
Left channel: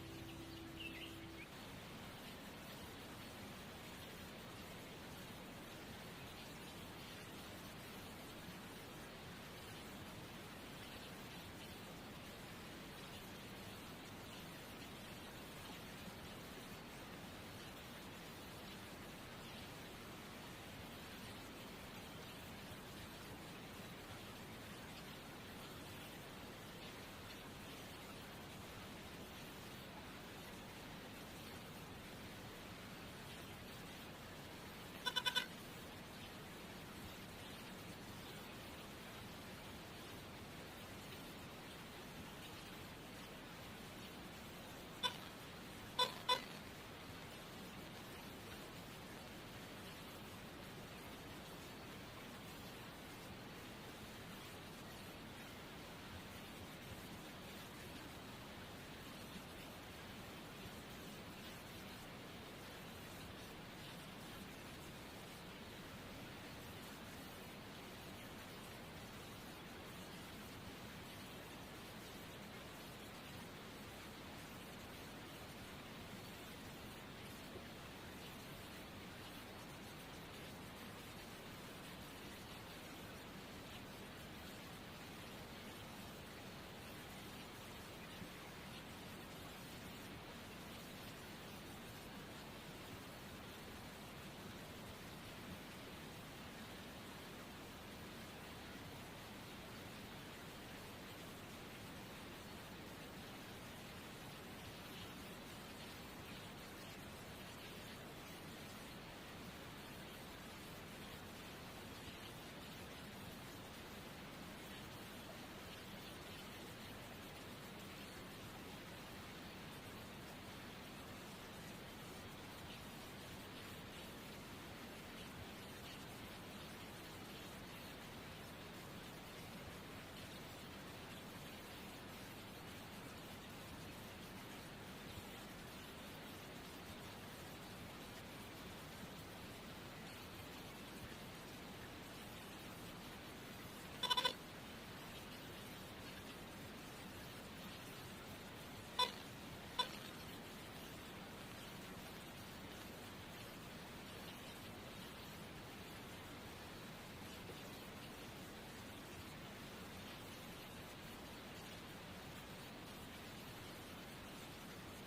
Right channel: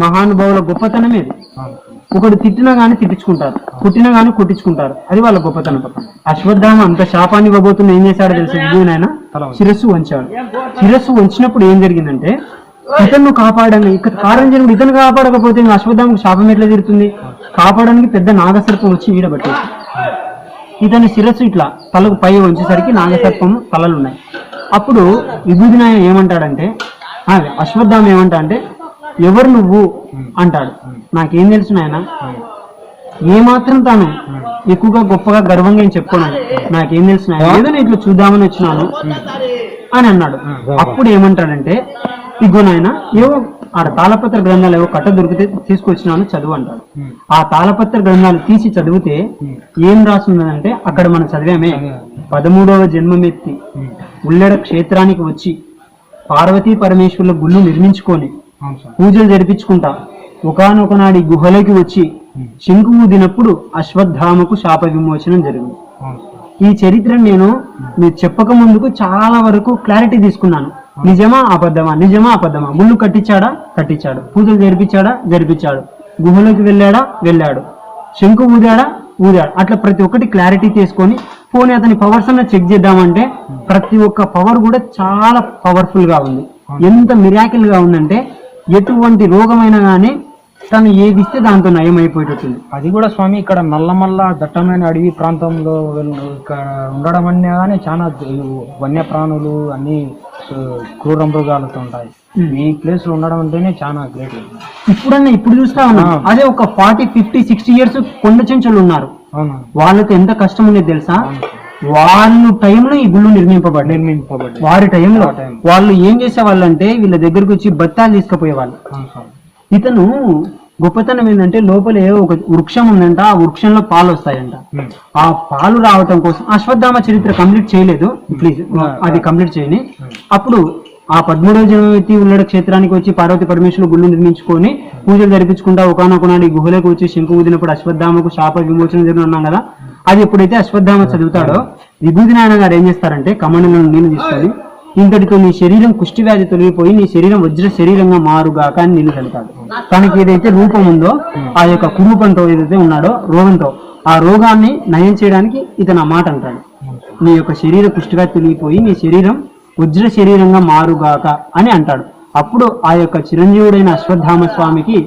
మహానుభావుల గొప్పతనమే అది. ఒకడు తిట్టినా గానీ తిట్టించుకుంటారు, కొట్టినా గానీ కొట్టించుకుంటారు, అది వాళ్ళ గొప్పతనం. అశ్వత్థామ అంత శాపాన్ని ఇవ్వబోతున్న ఏం చేశాడో తెలుసు, విభూతినాయన శిరస్సు వంచాడు. శిరస్సు వంచినప్పుడు ఏం జరిగిందంటే ఇతను కాపాడని, ఇక్కడ కారణజనుడు ఇతను కాపాడకపోతే అశ్వత్థామకు శాపం ఎట్లా తీరుతుంది? కాపాడడానికి పెద్ద నాగసర్పం వచ్చి ఈడబట్టేది. ఇతని శిరస్సు ఇట్లా తలకు పై వంచేసరికి నాగసర్పం తలలు ఉన్నాయి. అప్పుడు విభూతినాయన ఏమంటాడంటే, అశ్వత్థామ ఏమంటా అంటే, ఎవరు నువ్వు అంటాడు. నాకేం తెలుసు నాయన, ఏమాత్రం తాను ఎక్కువగా గొప్పగా గర్వంగా ఏం చెప్పుకోను, నాకేం తెలుసు నాయన, ఏదో నేను ఇట్లా చూద్దామని వచ్చినాను అని అన్నాడు. అప్పుడు ఏమంటాడంటే, ఇగో నాయన ఏవో ఆడ తాళపత్ర గ్రంథాలు ఏవో కట్ట దొరికితే తీసుకొచ్చినాను చదువు అంటాడు. ఆ తాళపత్ర గ్రంథాలు తీసి చదివితే ఏం రాసున్నదంటే, అక్కడ మనం చదివామే, 13వ జన్మమెత్తి ఉల్లెడ క్షేత్రానికి వచ్చి పార్వతీ పరమేశ్వరుల గుళ్ళు నిర్మించుకొని పూజలు జరిపించుకుంటా ఒకానొక నాడి గుహలోకి వచ్చి శంకు ఊదినప్పుడు అశ్వత్థామకు శాప విమోచనం జరిగింది. ఈ చరిత్రను నేను మీరు చెప్పక ముందుకు చాలా వరకు క్లారిటీ తీసుకున్నాను. నిజమా అబద్ధమా, నిజమా అబద్ధమా, ముళ్ళు కట్టించాడా, కట్టించాడు, పూజలు జరిపించాడు, గుహలోకి వెళ్ళాడు, శంకు ఊదాడా, అట్లా ప్రతి ఒక్కటి క్లారిటీ తీసుకొని పోనీ అతని పవర్స్ అన్న చెక్ చేద్దామంటే ప్రతి ఒక్క పవర్ కూడా చాలా పవర్ఫుల్ గా ఉంది. ఎంత మిరాకిల్ గా ఉందంటే ఎటువంటి రోగమైనా కానీ తను ఏది ఇస్తే దాంతో నయం అయిపోయేటట్టుంది. అది కూడా స్వామి ఇక్కడ నల్లమల్ల దట్టమైన అడవి ప్రాంతంలో ఇక్కడ ఉండడం అనే కానీ చాలా వన్యప్రాణులు అన్ని క్రూర మృగాలతో ఉంటాయి. ఈ ప్లేస్ లో ఉండడం అంటేనే చాలా గ్రేట్. ఇప్పుడు చూస్తా ఉన్నాం అదే ఒక 40, 50, 60 years కొండ చెంచులు ఉన్నారు. వాళ్ళకి ఎంత కష్టం ఉండేది తెలుసా? వాళ్ళు టైంలో ఈ గుళ్ళు నిర్మింపబడ్డాయి. వారి టైంలో వాళ్ళు ఏం చేసేవాళ్ళు అంటే వీళ్ళ దగ్గరకు వచ్చి బత్తాలు తీసుకుపోయేవాళ్ళు. ఇతను గొప్పతనం ఏంటంటే లోపల ఒక వృక్షం ఉందంట, ఆ వృక్షంలో పాలు వస్తాయంట. ఆ పాలు రావటం కోసం అశ్వత్థామ చరిత్ర కంప్లీట్ చేయలేదు, ప్లీజ్ అది కంప్లీట్ చేయని. అప్పుడు ఆ 13వ జన్మవ్యక్తి ఉల్లడ క్షేత్రానికి వచ్చి పార్వతి పరమేశ్వరులు గుళ్ళు నిర్మించుకొని పూజలు జరిపించుకుంటా ఒకనొక నాడు గుహలోకి వచ్చి శంకు ఊదినప్పుడు అశ్వత్థామకు శాప విమోచన జరిగిన అన్నాం కదా. అది ఎప్పుడైతే అశ్వత్థామ చదువుతాడో విభూతి నాయన గారు ఏం చేస్తారంటే కమండలో నీళ్లు తీసుకొని ఇంతటితో నీ శరీరం కుష్టి వ్యాధి తొలగిపోయి నీ శరీరం వజ్ర శరీరంగా మారుగాక అని నీళ్లు చదువుతాడు. తనకి ఏదైతే రూపం ఉందో ఆ యొక్క కురూపంతో ఏదైతే ఉన్నాడో రోగంతో ఆ రోగాన్ని నయం చేయడానికి ఇతను ఆ మాట అంటాడు, నీ యొక్క శరీర కుష్టిగా తొలగిపోయి నీ శరీరం వజ్ర శరీరంగా మారుగాక అని అంటాడు. అప్పుడు ఆ యొక్క చిరంజీవుడైన అశ్వత్థామ స్వామికి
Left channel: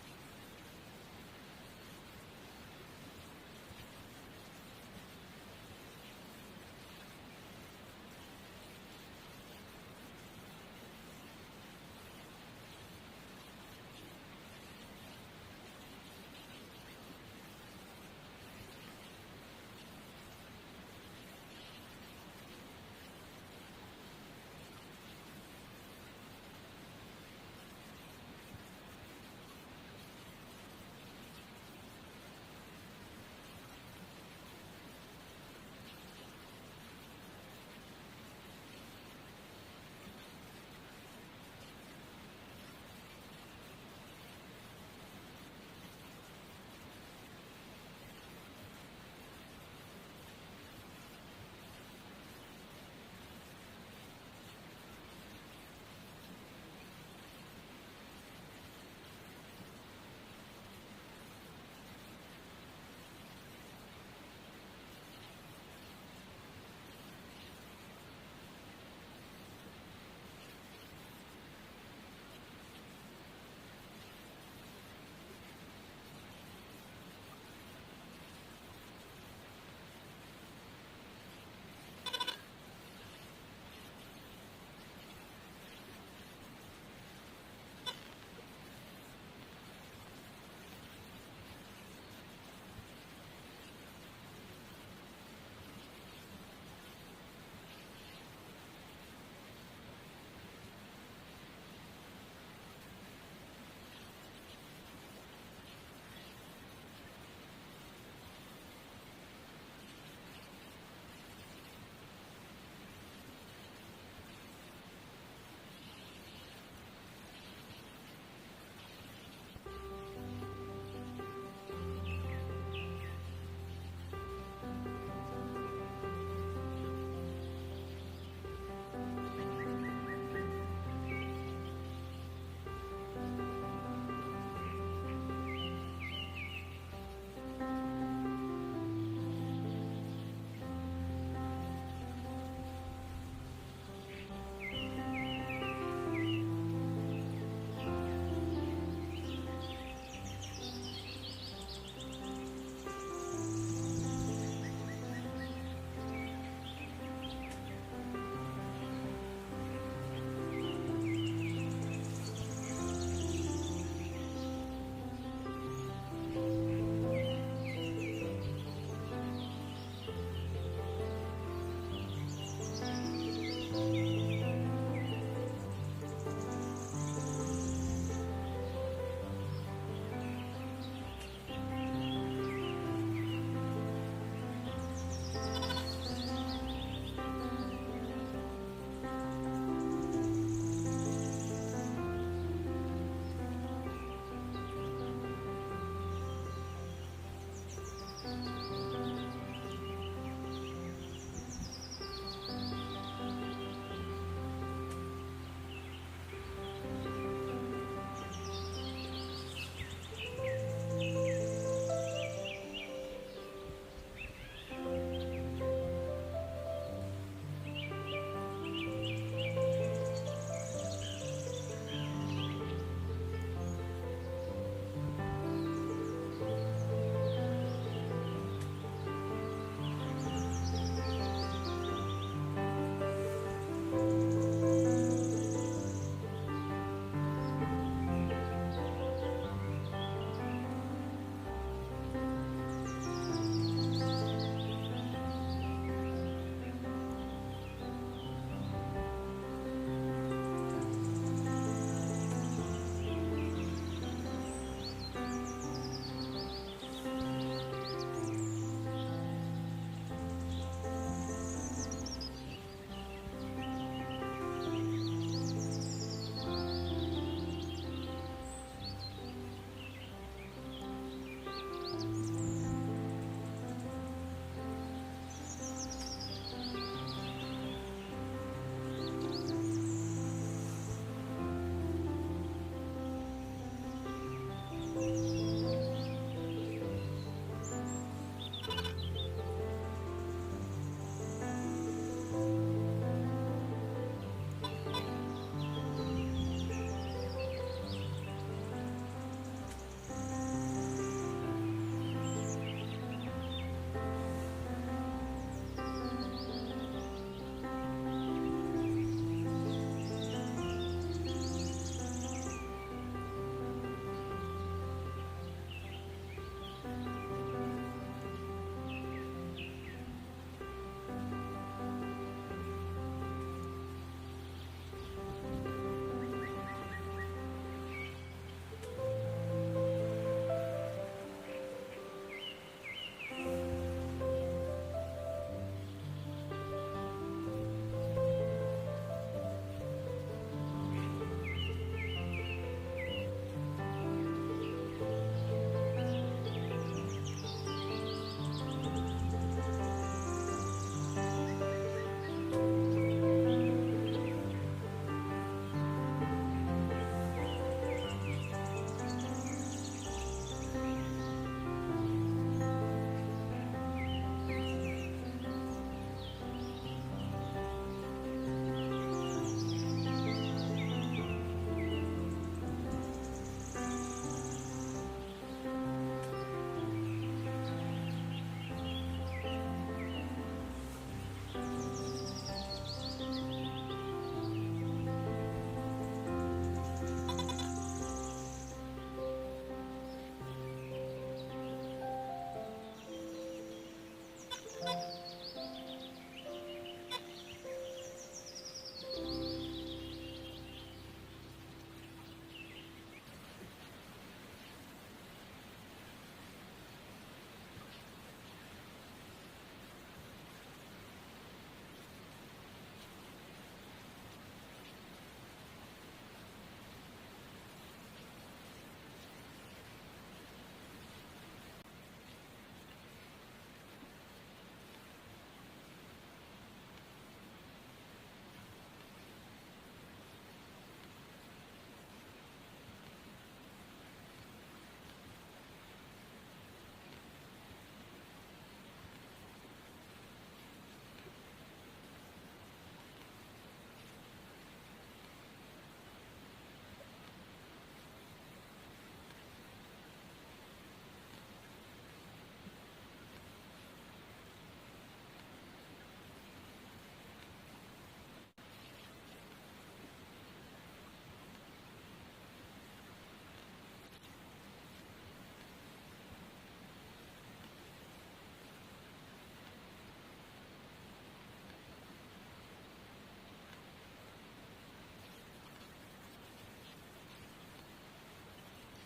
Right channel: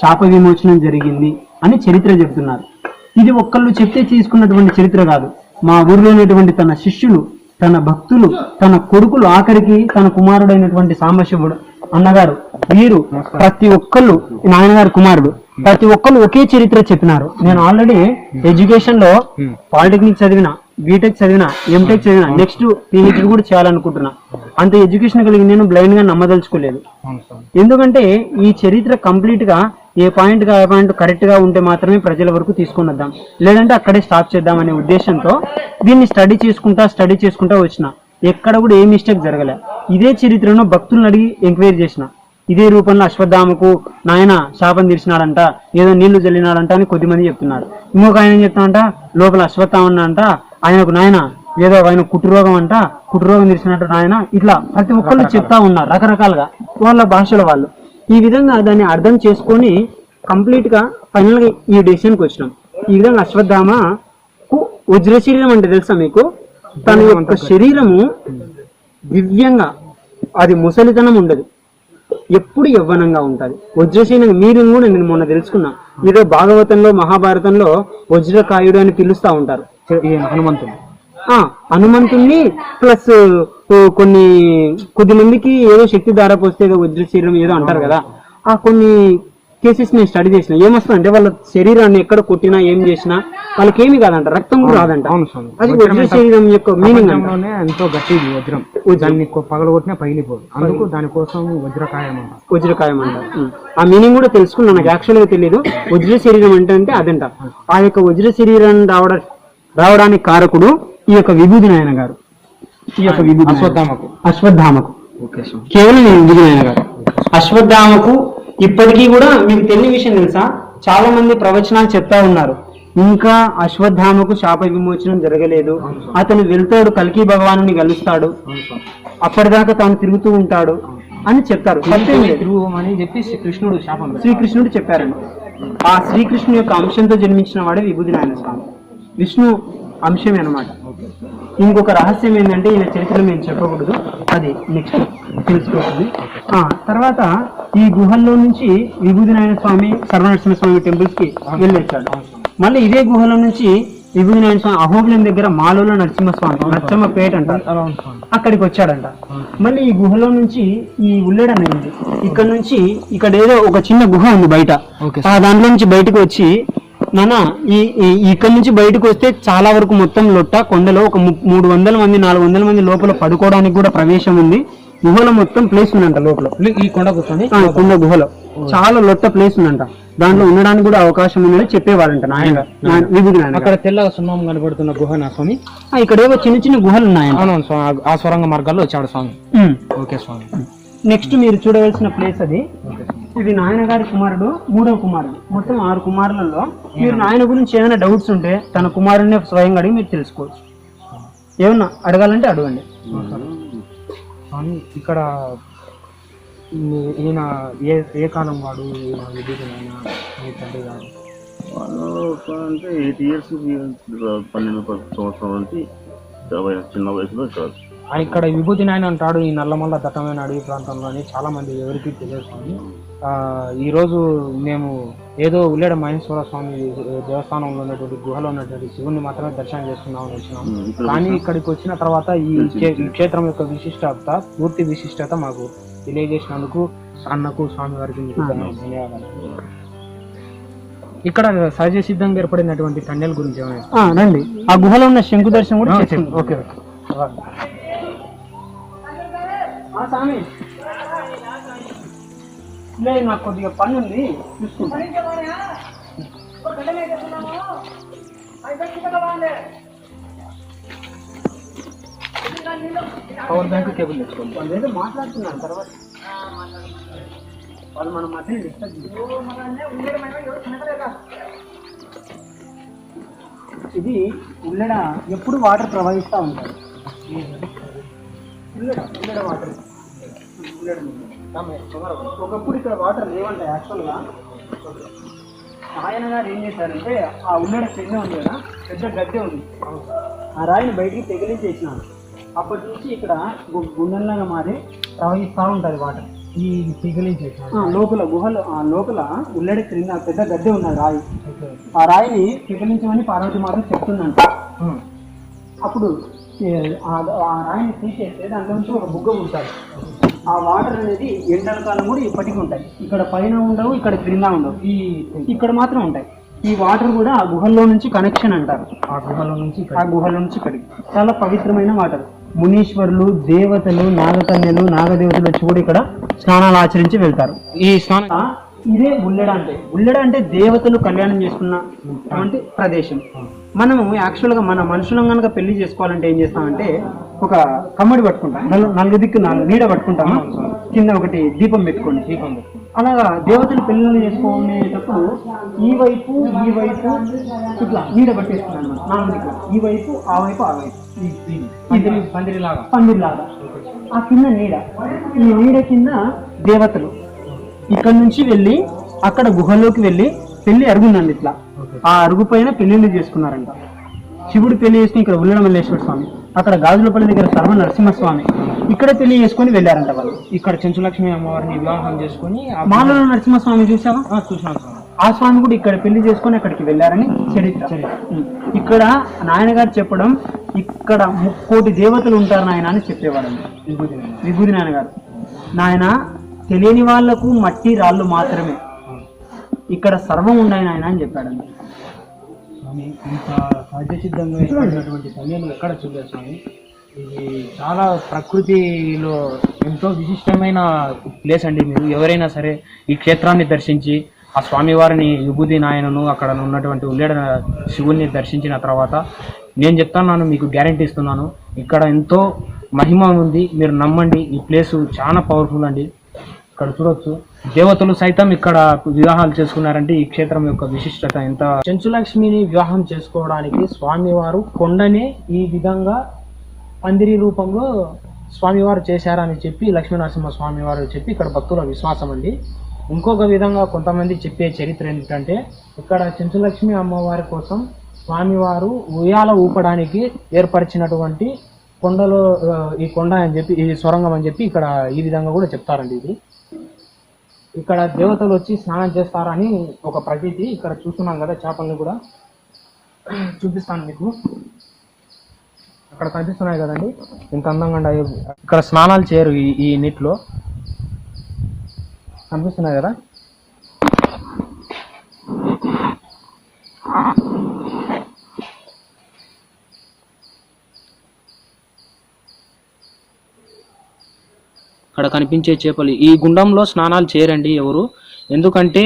శాప విమోచనం జరిగింది అని చరిత్ర చెబుతున్నారు. ఇది ఒక్కళ్ళు చెప్తే తీసుకున్నటువంటి చరిత్ర కాదు. మా ఊరిలో ఉన్నటువంటి తన శిష్యులు, తన భక్తులు, తన కొడుకులు, ఆఖరికి తన కుమారుడైనటువంటి సాంబశివుడు అన్నగారు, వీరు ప్రతి ఒక్కళ్ళు నాయనగారు కుమారుడు, ప్రతి ఒక్కళ్ళు ఒకే చరిత్ర చెప్పినారు. నేను ఆల్రెడీ ఎడ్యుకేషన్ లో పాలిటెక్నిక్ చదివిన, బీటెక్ చదివిన, ఎంటెక్ చదివిన, నెక్స్ట్ పిహెచ్డి కూడా చేయాలనుకుంటున్నా. అంత ఎడ్యుకేషన్ కలిగి నేను బ్లైండ్ గా నమ్మదలుచుకోలేదు. ఎందుకంటే ఈ చరిత్ర కంప్లీట్ గా ఏ పాయింట్ కరెక్ట్ గా ఉంటే మాత్రమే ప్రజల వరకు తీసుకొని వద్దాం, లేదంటే అక్కడే స్టాప్ చేద్దాం అనే ఉద్దేశంతో దీన్ని స్టడీ చేసుకుంటా వచ్చిన. ఎక్కడ కూడా ఏ మిస్టేక్ జరగలే. ఇదే చరిత్రను భక్తులను అడిగి ఎంక్వైరీ చేసిన. ఇదే రూపంలో అశ్వత్థామకు నాయన శాపం తీర్చినాడంట, ఏదో నీళ్లు జల్లినాడంట అని కొద్దిమంది చెప్తున్నారు. ఇంకొక ఆయన చెప్తానంట లోపల అశ్వత్థామ అంట, ఆయనకు నాయన ఏదో ఆయన కుటుంబరోగం అంట, కుటుంబరోగం తీర్చినట్టు నాయన, ఇట్లా ప్రతి ఒక్కళ్ళు చెప్తా ఉన్నారు రకరకాలుగా వాళ్ళ భాషల వాళ్ళు. ఈ విధంగా దాన్ని అర్థం చేసుకొని కంప్లీట్ గా ఫైనల్ గా ఈ డెసిషన్కి వచ్చినాం. ఈ విధంగా అశ్వత్థామకు వజ్ర శరీరం అంటే తెలుసా మీకు? తన యొక్క శరీరము దివ్యంగా, అది ముసలితనం ఉండదు, ఎప్పుడు యవ్వనంగా ఉంటది. వజ్రశీలం మీరు కూడా నేను మొన్న తెలుసుకున్నా, మీరు భాగవతంలో మహాభారతంలో వజ్రకాయుడు అని పిలుస్తా ఉంటారు హనుమంతుణ్ణి. ప్లస్ కొద్ది మందికి ఏదో శక్తి దారపోస్తే ఏదో వజ్రశీలం ఏదో అంటారు కదా. ఆ కొన్ని కేసెస్ నేను స్టడీ చేసిన. ఏమొస్తుందంటే వాళ్ళ శరీరాన్ని ఎక్కడ కొట్టినా ఏం చేసినా వాళ్ళకి ఏమి కాదంట, రక్తం కూడా రాదంట. అది వజ్ర శరీరం యొక్క మీనింగ్. ఎంతో గట్టి వజ్రం, దాన్ని పగలగొట్టినా పగిలిపోదు, అందుకు దానికోసం వజ్రకాయం అంట. ఆ మీనింగ్ కూడా తెలుసుకున్నా, నాకు యాక్చువల్ గా తెలియదు. వజ్ర శరీరం అంటే అదంట. ఆ యొక్క వజ్ర శరీరం రావడానికి కారకుడు ఈ యొక్క విభూతి నాయన గారు. ఈ యొక్క విభూతి అశ్వత్థామకు కేవలం విభూతి నాయన గారు. అశ్వత్థామకు ఇప్పటికీ కూడా మీకు తెలియని విషయం తెలుసా, చాలా మంది ప్రవచనాలు చెప్తా ఉన్నారు, ఇంకా అశ్వత్థామకు శాప విమోచనం జరగలేదు, అతను వెళ్తాడు కల్కి భగవాను కలుస్తాడు, అప్పటిదాకా తాను తిరుగుతూ ఉంటాడు అని చెప్తారు. అని చెప్పి శ్రీకృష్ణుడు చెప్పారండి. ఆ శ్రీకృష్ణుడు యొక్క అంశంతో జన్మించిన వాడే విభూతి నాయన స్వామి, విష్ణు అంశమే అన్నమాట. ఇంకొక రహస్యం ఏంటంటే ఈయన చరిత్రలో మేము చెప్పకూడదు, అది నెక్స్ట్ తెలుసుకోవాలి. తర్వాత ఈ గుహల్లో నుంచి విభూతి నారాయణ స్వామి, సర్వనరసింహ స్వామి టెంపుల్స్ కి వెళ్ళొచ్చాడు. మళ్ళీ ఇదే గుహలో నుంచి విభూతి నారాయణ స్వామి అహోబిలం దగ్గర మాలోలో నరసింహస్వామి, నరసింహపేట అంటారు, అక్కడికి వచ్చాడంట. మళ్ళీ ఈ గుహలో నుంచి ఈ ఉల్లెడ అనేది ఇక్కడ నుంచి ఇక్కడ ఏదో ఒక చిన్న గుహ ఉంది బయట, దాంట్లో నుంచి బయటకు వచ్చి నాన్న ఇక్కడ నుంచి బయటకు వస్తే చాలా వరకు మొత్తం లొట్ట కొండలో ఒక 300 మంది 400 మంది లోపల పడుకోవడానికి కూడా ప్రవేశం ఉంది. గుహలో మొత్తం ప్లేస్ ఉందంట లోపల. ఈ కొండ కొండ గుహలో చాలా లొట్ట ప్లేస్ ఉందంట, దాంట్లో ఉండడానికి కూడా అవకాశం ఉందని చెప్పేవాళ్ళంట నాయన విభూతి నాయన. అక్కడ తెల్లగా సున్నం కనబడుతున్న గుహ నా స్వామి, ఇక్కడ ఏవో చిన్న చిన్న గుహలు ఉన్నాయంట. ఆ సొరంగ మార్గాల్లో వచ్చాడు స్వామి. ఓకే స్వామి. నెక్స్ట్ మీరు చూడవలసిన ప్లేస్ అది ఇది నాయన గారి కుమారుడు, 3వ కుమారుడు. మొత్తం 6 కుమారులలో మీరు నాయన గురించి ఏమైనా డౌట్స్ ఉంటే తన కుమారుడిని స్వయంగా అడిగి మీరు తెలుసుకోవచ్చు. ఏమన్నా అడగాలంటే అడగండి. ఇక్కడ ఈయన ఏ కాలం వాడు? అంటే 8 years 12 సంవత్సరాల నుంచి చిన్న వయసులో కాదు. ఇక్కడ విభూతి నాయన అంటాడు ఈ నల్లమల్ల దట్టమైన అడవి ప్రాంతంలోని చాలా మంది ఎవరికి తెలియదు. ఈరోజు మేము ఏదో ఉల్లేడ మహేశ్వర స్వామి దేవస్థానంలో ఉన్నటువంటి గుహలో ఉన్నటువంటి శివుని మాత్రమే దర్శనం చేసుకున్నామని వచ్చినాము. కానీ ఇక్కడికి వచ్చిన తర్వాత ఈ క్షేత్రం యొక్క విశిష్టత, పూర్తి విశిష్టత మాకు తెలియజేసినందుకు అన్నకు స్వామి వారికి ధన్యవాదాలు. ఇక్కడ సహజ సిద్ధంగా ఏర్పడినటువంటి తండెల గురించి రండి. ఆ గుహలో ఉన్న శంకు దర్శనం కూడా చేసింది. ఓకే నాకు కొద్దిగా పని ఉంది, చూసుకుంటా. పవర్ బ్యాంక్ కేబుల్ తెచ్చుకోండి. వాళ్ళు ఏదో మాట్లాడుతున్నారు తర్వాత వాళ్ళు మన మధ్య డిస్టర్బ్. ఇది ఉల్లెడ ఎప్పుడు వాటర్ ప్రవహిస్తూ ఉంటారు. ఉల్లెడ వాటర్ ఒకప్పుడు ఇక్కడ వాటర్ లేవంటాయి. యాక్చువల్గా ఆయన గారు ఏం చేశారంటే ఆ ఉల్లెడ క్రింద ఉంది కదా, పెద్ద గద్దె ఉంది, ఆ రాయిని బయటికి తెగిలించేసినారు. అప్పటి నుంచి ఇక్కడ గుండెల్లాగా మారి ప్రవహిస్తూ ఉంటుంది వాటర్. ఈ తెగిలించేసి లోపల గుహలో లోపల ఉల్లెడ క్రింద పెద్ద గద్దె ఉన్నది రాయి. ఆ రాయిని తెగిలించమని పార్వతి మాత చెప్తుందంట. అప్పుడు ఆ రాయిని తీసేస్తే దాంట్లో నుంచి ఒక బుగ్గ ఉంటుంది. ఆ వాటర్ అనేది ఎండల కాలం కూడా ఇప్పటికీ ఉంటాయి. ఇక్కడ పైన ఉండవు, ఇక్కడ క్రింద ఉండవు, ఇక్కడ మాత్రం ఉంటాయి. ఈ వాటర్ కూడా ఆ గుహల్లో నుంచి కనెక్షన్ అంటారు. ఆ గుహలో నుంచి ఇక్కడికి చాలా పవిత్రమైన వాటర్. మునీశ్వరులు, దేవతలు, నాగకన్యలు, నాగదేవతలు వచ్చి కూడా ఇక్కడ స్నానాలు ఆచరించి వెళ్తారు. ఈ స్నానం ఇదే ఉల్లెడ అంటే. ఉల్లెడ అంటే దేవతలు కళ్యాణం చేసుకున్నటువంటి ప్రదేశం. మనము యాక్చువల్గా మన మనుషులను కనుక పెళ్లి చేసుకోవాలంటే ఏం చేస్తామంటే ఒక కమ్మడి పట్టుకుంటాం, 4 దిక్కు 4 నీడ పట్టుకుంటాము, కింద ఒకటి దీపం పెట్టుకోండి. అలాగా దేవతలు పెళ్లి చేసుకునేటప్పుడు ఈ వైపు ఇట్లా నీడ పట్టేస్తున్నాను. 4 దిక్కు, ఈ వైపు ఆ వైపు ఆ వైపు పందిరిలాగా. ఆ కింద నీడ, ఈ నీడ కింద దేవతలు ఇక్కడ నుంచి వెళ్ళి అక్కడ గుహలోకి వెళ్ళి పెళ్లి అరుగుందండి. ఇట్లా ఆ అరుగు పైన పెళ్లిళ్ళు చేసుకున్నారంట. శివుడు పెళ్లి చేసుకుని ఇక్కడ ఉల్లెడ మల్లేశ్వర స్వామి, అక్కడ గాజులపల్లి దగ్గర సర్వ నరసింహస్వామి ఇక్కడ పెళ్లి చేసుకుని వెళ్ళారంట వాళ్ళు. ఇక్కడ చెంచులక్ష్మి అమ్మవారిని వివాహం చేసుకుని మాలలో నరసింహస్వామి చూసావా? చూసాను. ఆ స్వామి కూడా ఇక్కడ పెళ్లి చేసుకుని అక్కడికి వెళ్ళారని చరిత్ర. ఇక్కడ నాయన గారు చెప్పడం ఇక్కడ 3 కోటి దేవతలు ఉంటారు నాయన అని చెప్పేవారండి విభూతి నాయన గారు. నాయన తెలియని వాళ్లకు మట్టి రాళ్ళు మాత్రమే, ఇక్కడ సర్వం ఉన్నాయి నాయన అని చెప్పాడండి. ఇంత సహజ సిద్ధంగా ఏర్పడినటువంటి సమయంలో ఎక్కడ చూడొచ్చు. ఇది చాలా ప్రకృతిలో ఎంతో విశిష్టమైన ప్లేస్ అండి. మీరు ఎవరైనా సరే ఈ క్షేత్రాన్ని దర్శించి ఆ స్వామివారిని విభూతి నాయనను అక్కడ ఉన్నటువంటి ఉల్లెడ శివుణ్ణి దర్శించిన తర్వాత నేను చెప్తున్నాను, మీకు గ్యారంటీ ఇస్తున్నాను, ఇక్కడ ఎంతో మహిమ ఉంది. మీరు నమ్మండి, ఈ ప్లేస్ చాలా పవర్ఫుల్ అండి. ఇక్కడ చూడొచ్చు దేవతలు సైతం ఇక్కడ వివాహాలు చేసుకున్నారంటే ఈ క్షేత్రం యొక్క విశిష్టత ఎంత. చెంచులక్ష్మిని వివాహం చేసుకోవడానికి స్వామివారు కొండనే ఈ విధంగా పందిరి రూపంలో స్వామివారు చేశారని చెప్పి లక్ష్మీనరసింహ స్వామివారు చెప్పి ఇక్కడ భక్తుల విశ్వాసం అండి. ఇంకొక విధంగా కొంతమంది చెప్పే చరిత్ర ఏంటంటే ఇక్కడ చెంచులక్ష్మి అమ్మవారి కోసం స్వామివారు ఉయ్యాల ఊపడానికి ఏర్పరిచినటువంటి కొండలో ఈ కొండ అని చెప్పి, ఈ సొరంగం అని చెప్పి ఇక్కడ ఈ విధంగా కూడా చెప్తారండి. ఇది ఇక్కడ దేవతలు వచ్చి స్నానం చేస్తారని ఒక ప్రతీతి. ఇక్కడ చూస్తున్నాం కదా, చేపల్ని కూడా చూపిస్తాను మీకు. అక్కడ కనిపిస్తున్నాయి కదండి ఇంత అందంగా. ఇక్కడ స్నానాలు చేయరు ఈ నీటిలో, కనిపిస్తున్నాయి కదా. అక్కడ కనిపించే చేపలు. ఈ గుండంలో స్నానాలు చేయరండి ఎవరు, ఎందుకంటే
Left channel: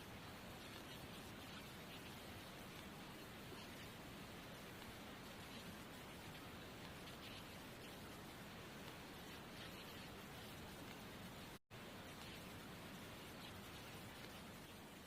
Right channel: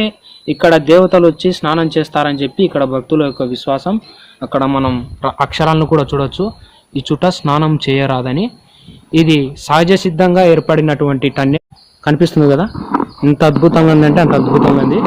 ఇక్కడ దేవతలు వచ్చి స్నానం చేస్తారని చెప్పి ఇక్కడ భక్తుల యొక్క విశ్వాసం. అక్కడ మనం అక్షరాలను కూడా చూడొచ్చు, ఈ చుట్ట స్నానం చేయరాదని. ఇది సహజ సిద్ధంగా ఏర్పడినటువంటి టన్నెల్. కనిపిస్తుంది కదా, ఎంత అద్భుతంగా ఉందంటే అంత అద్భుతంగా ఉంది.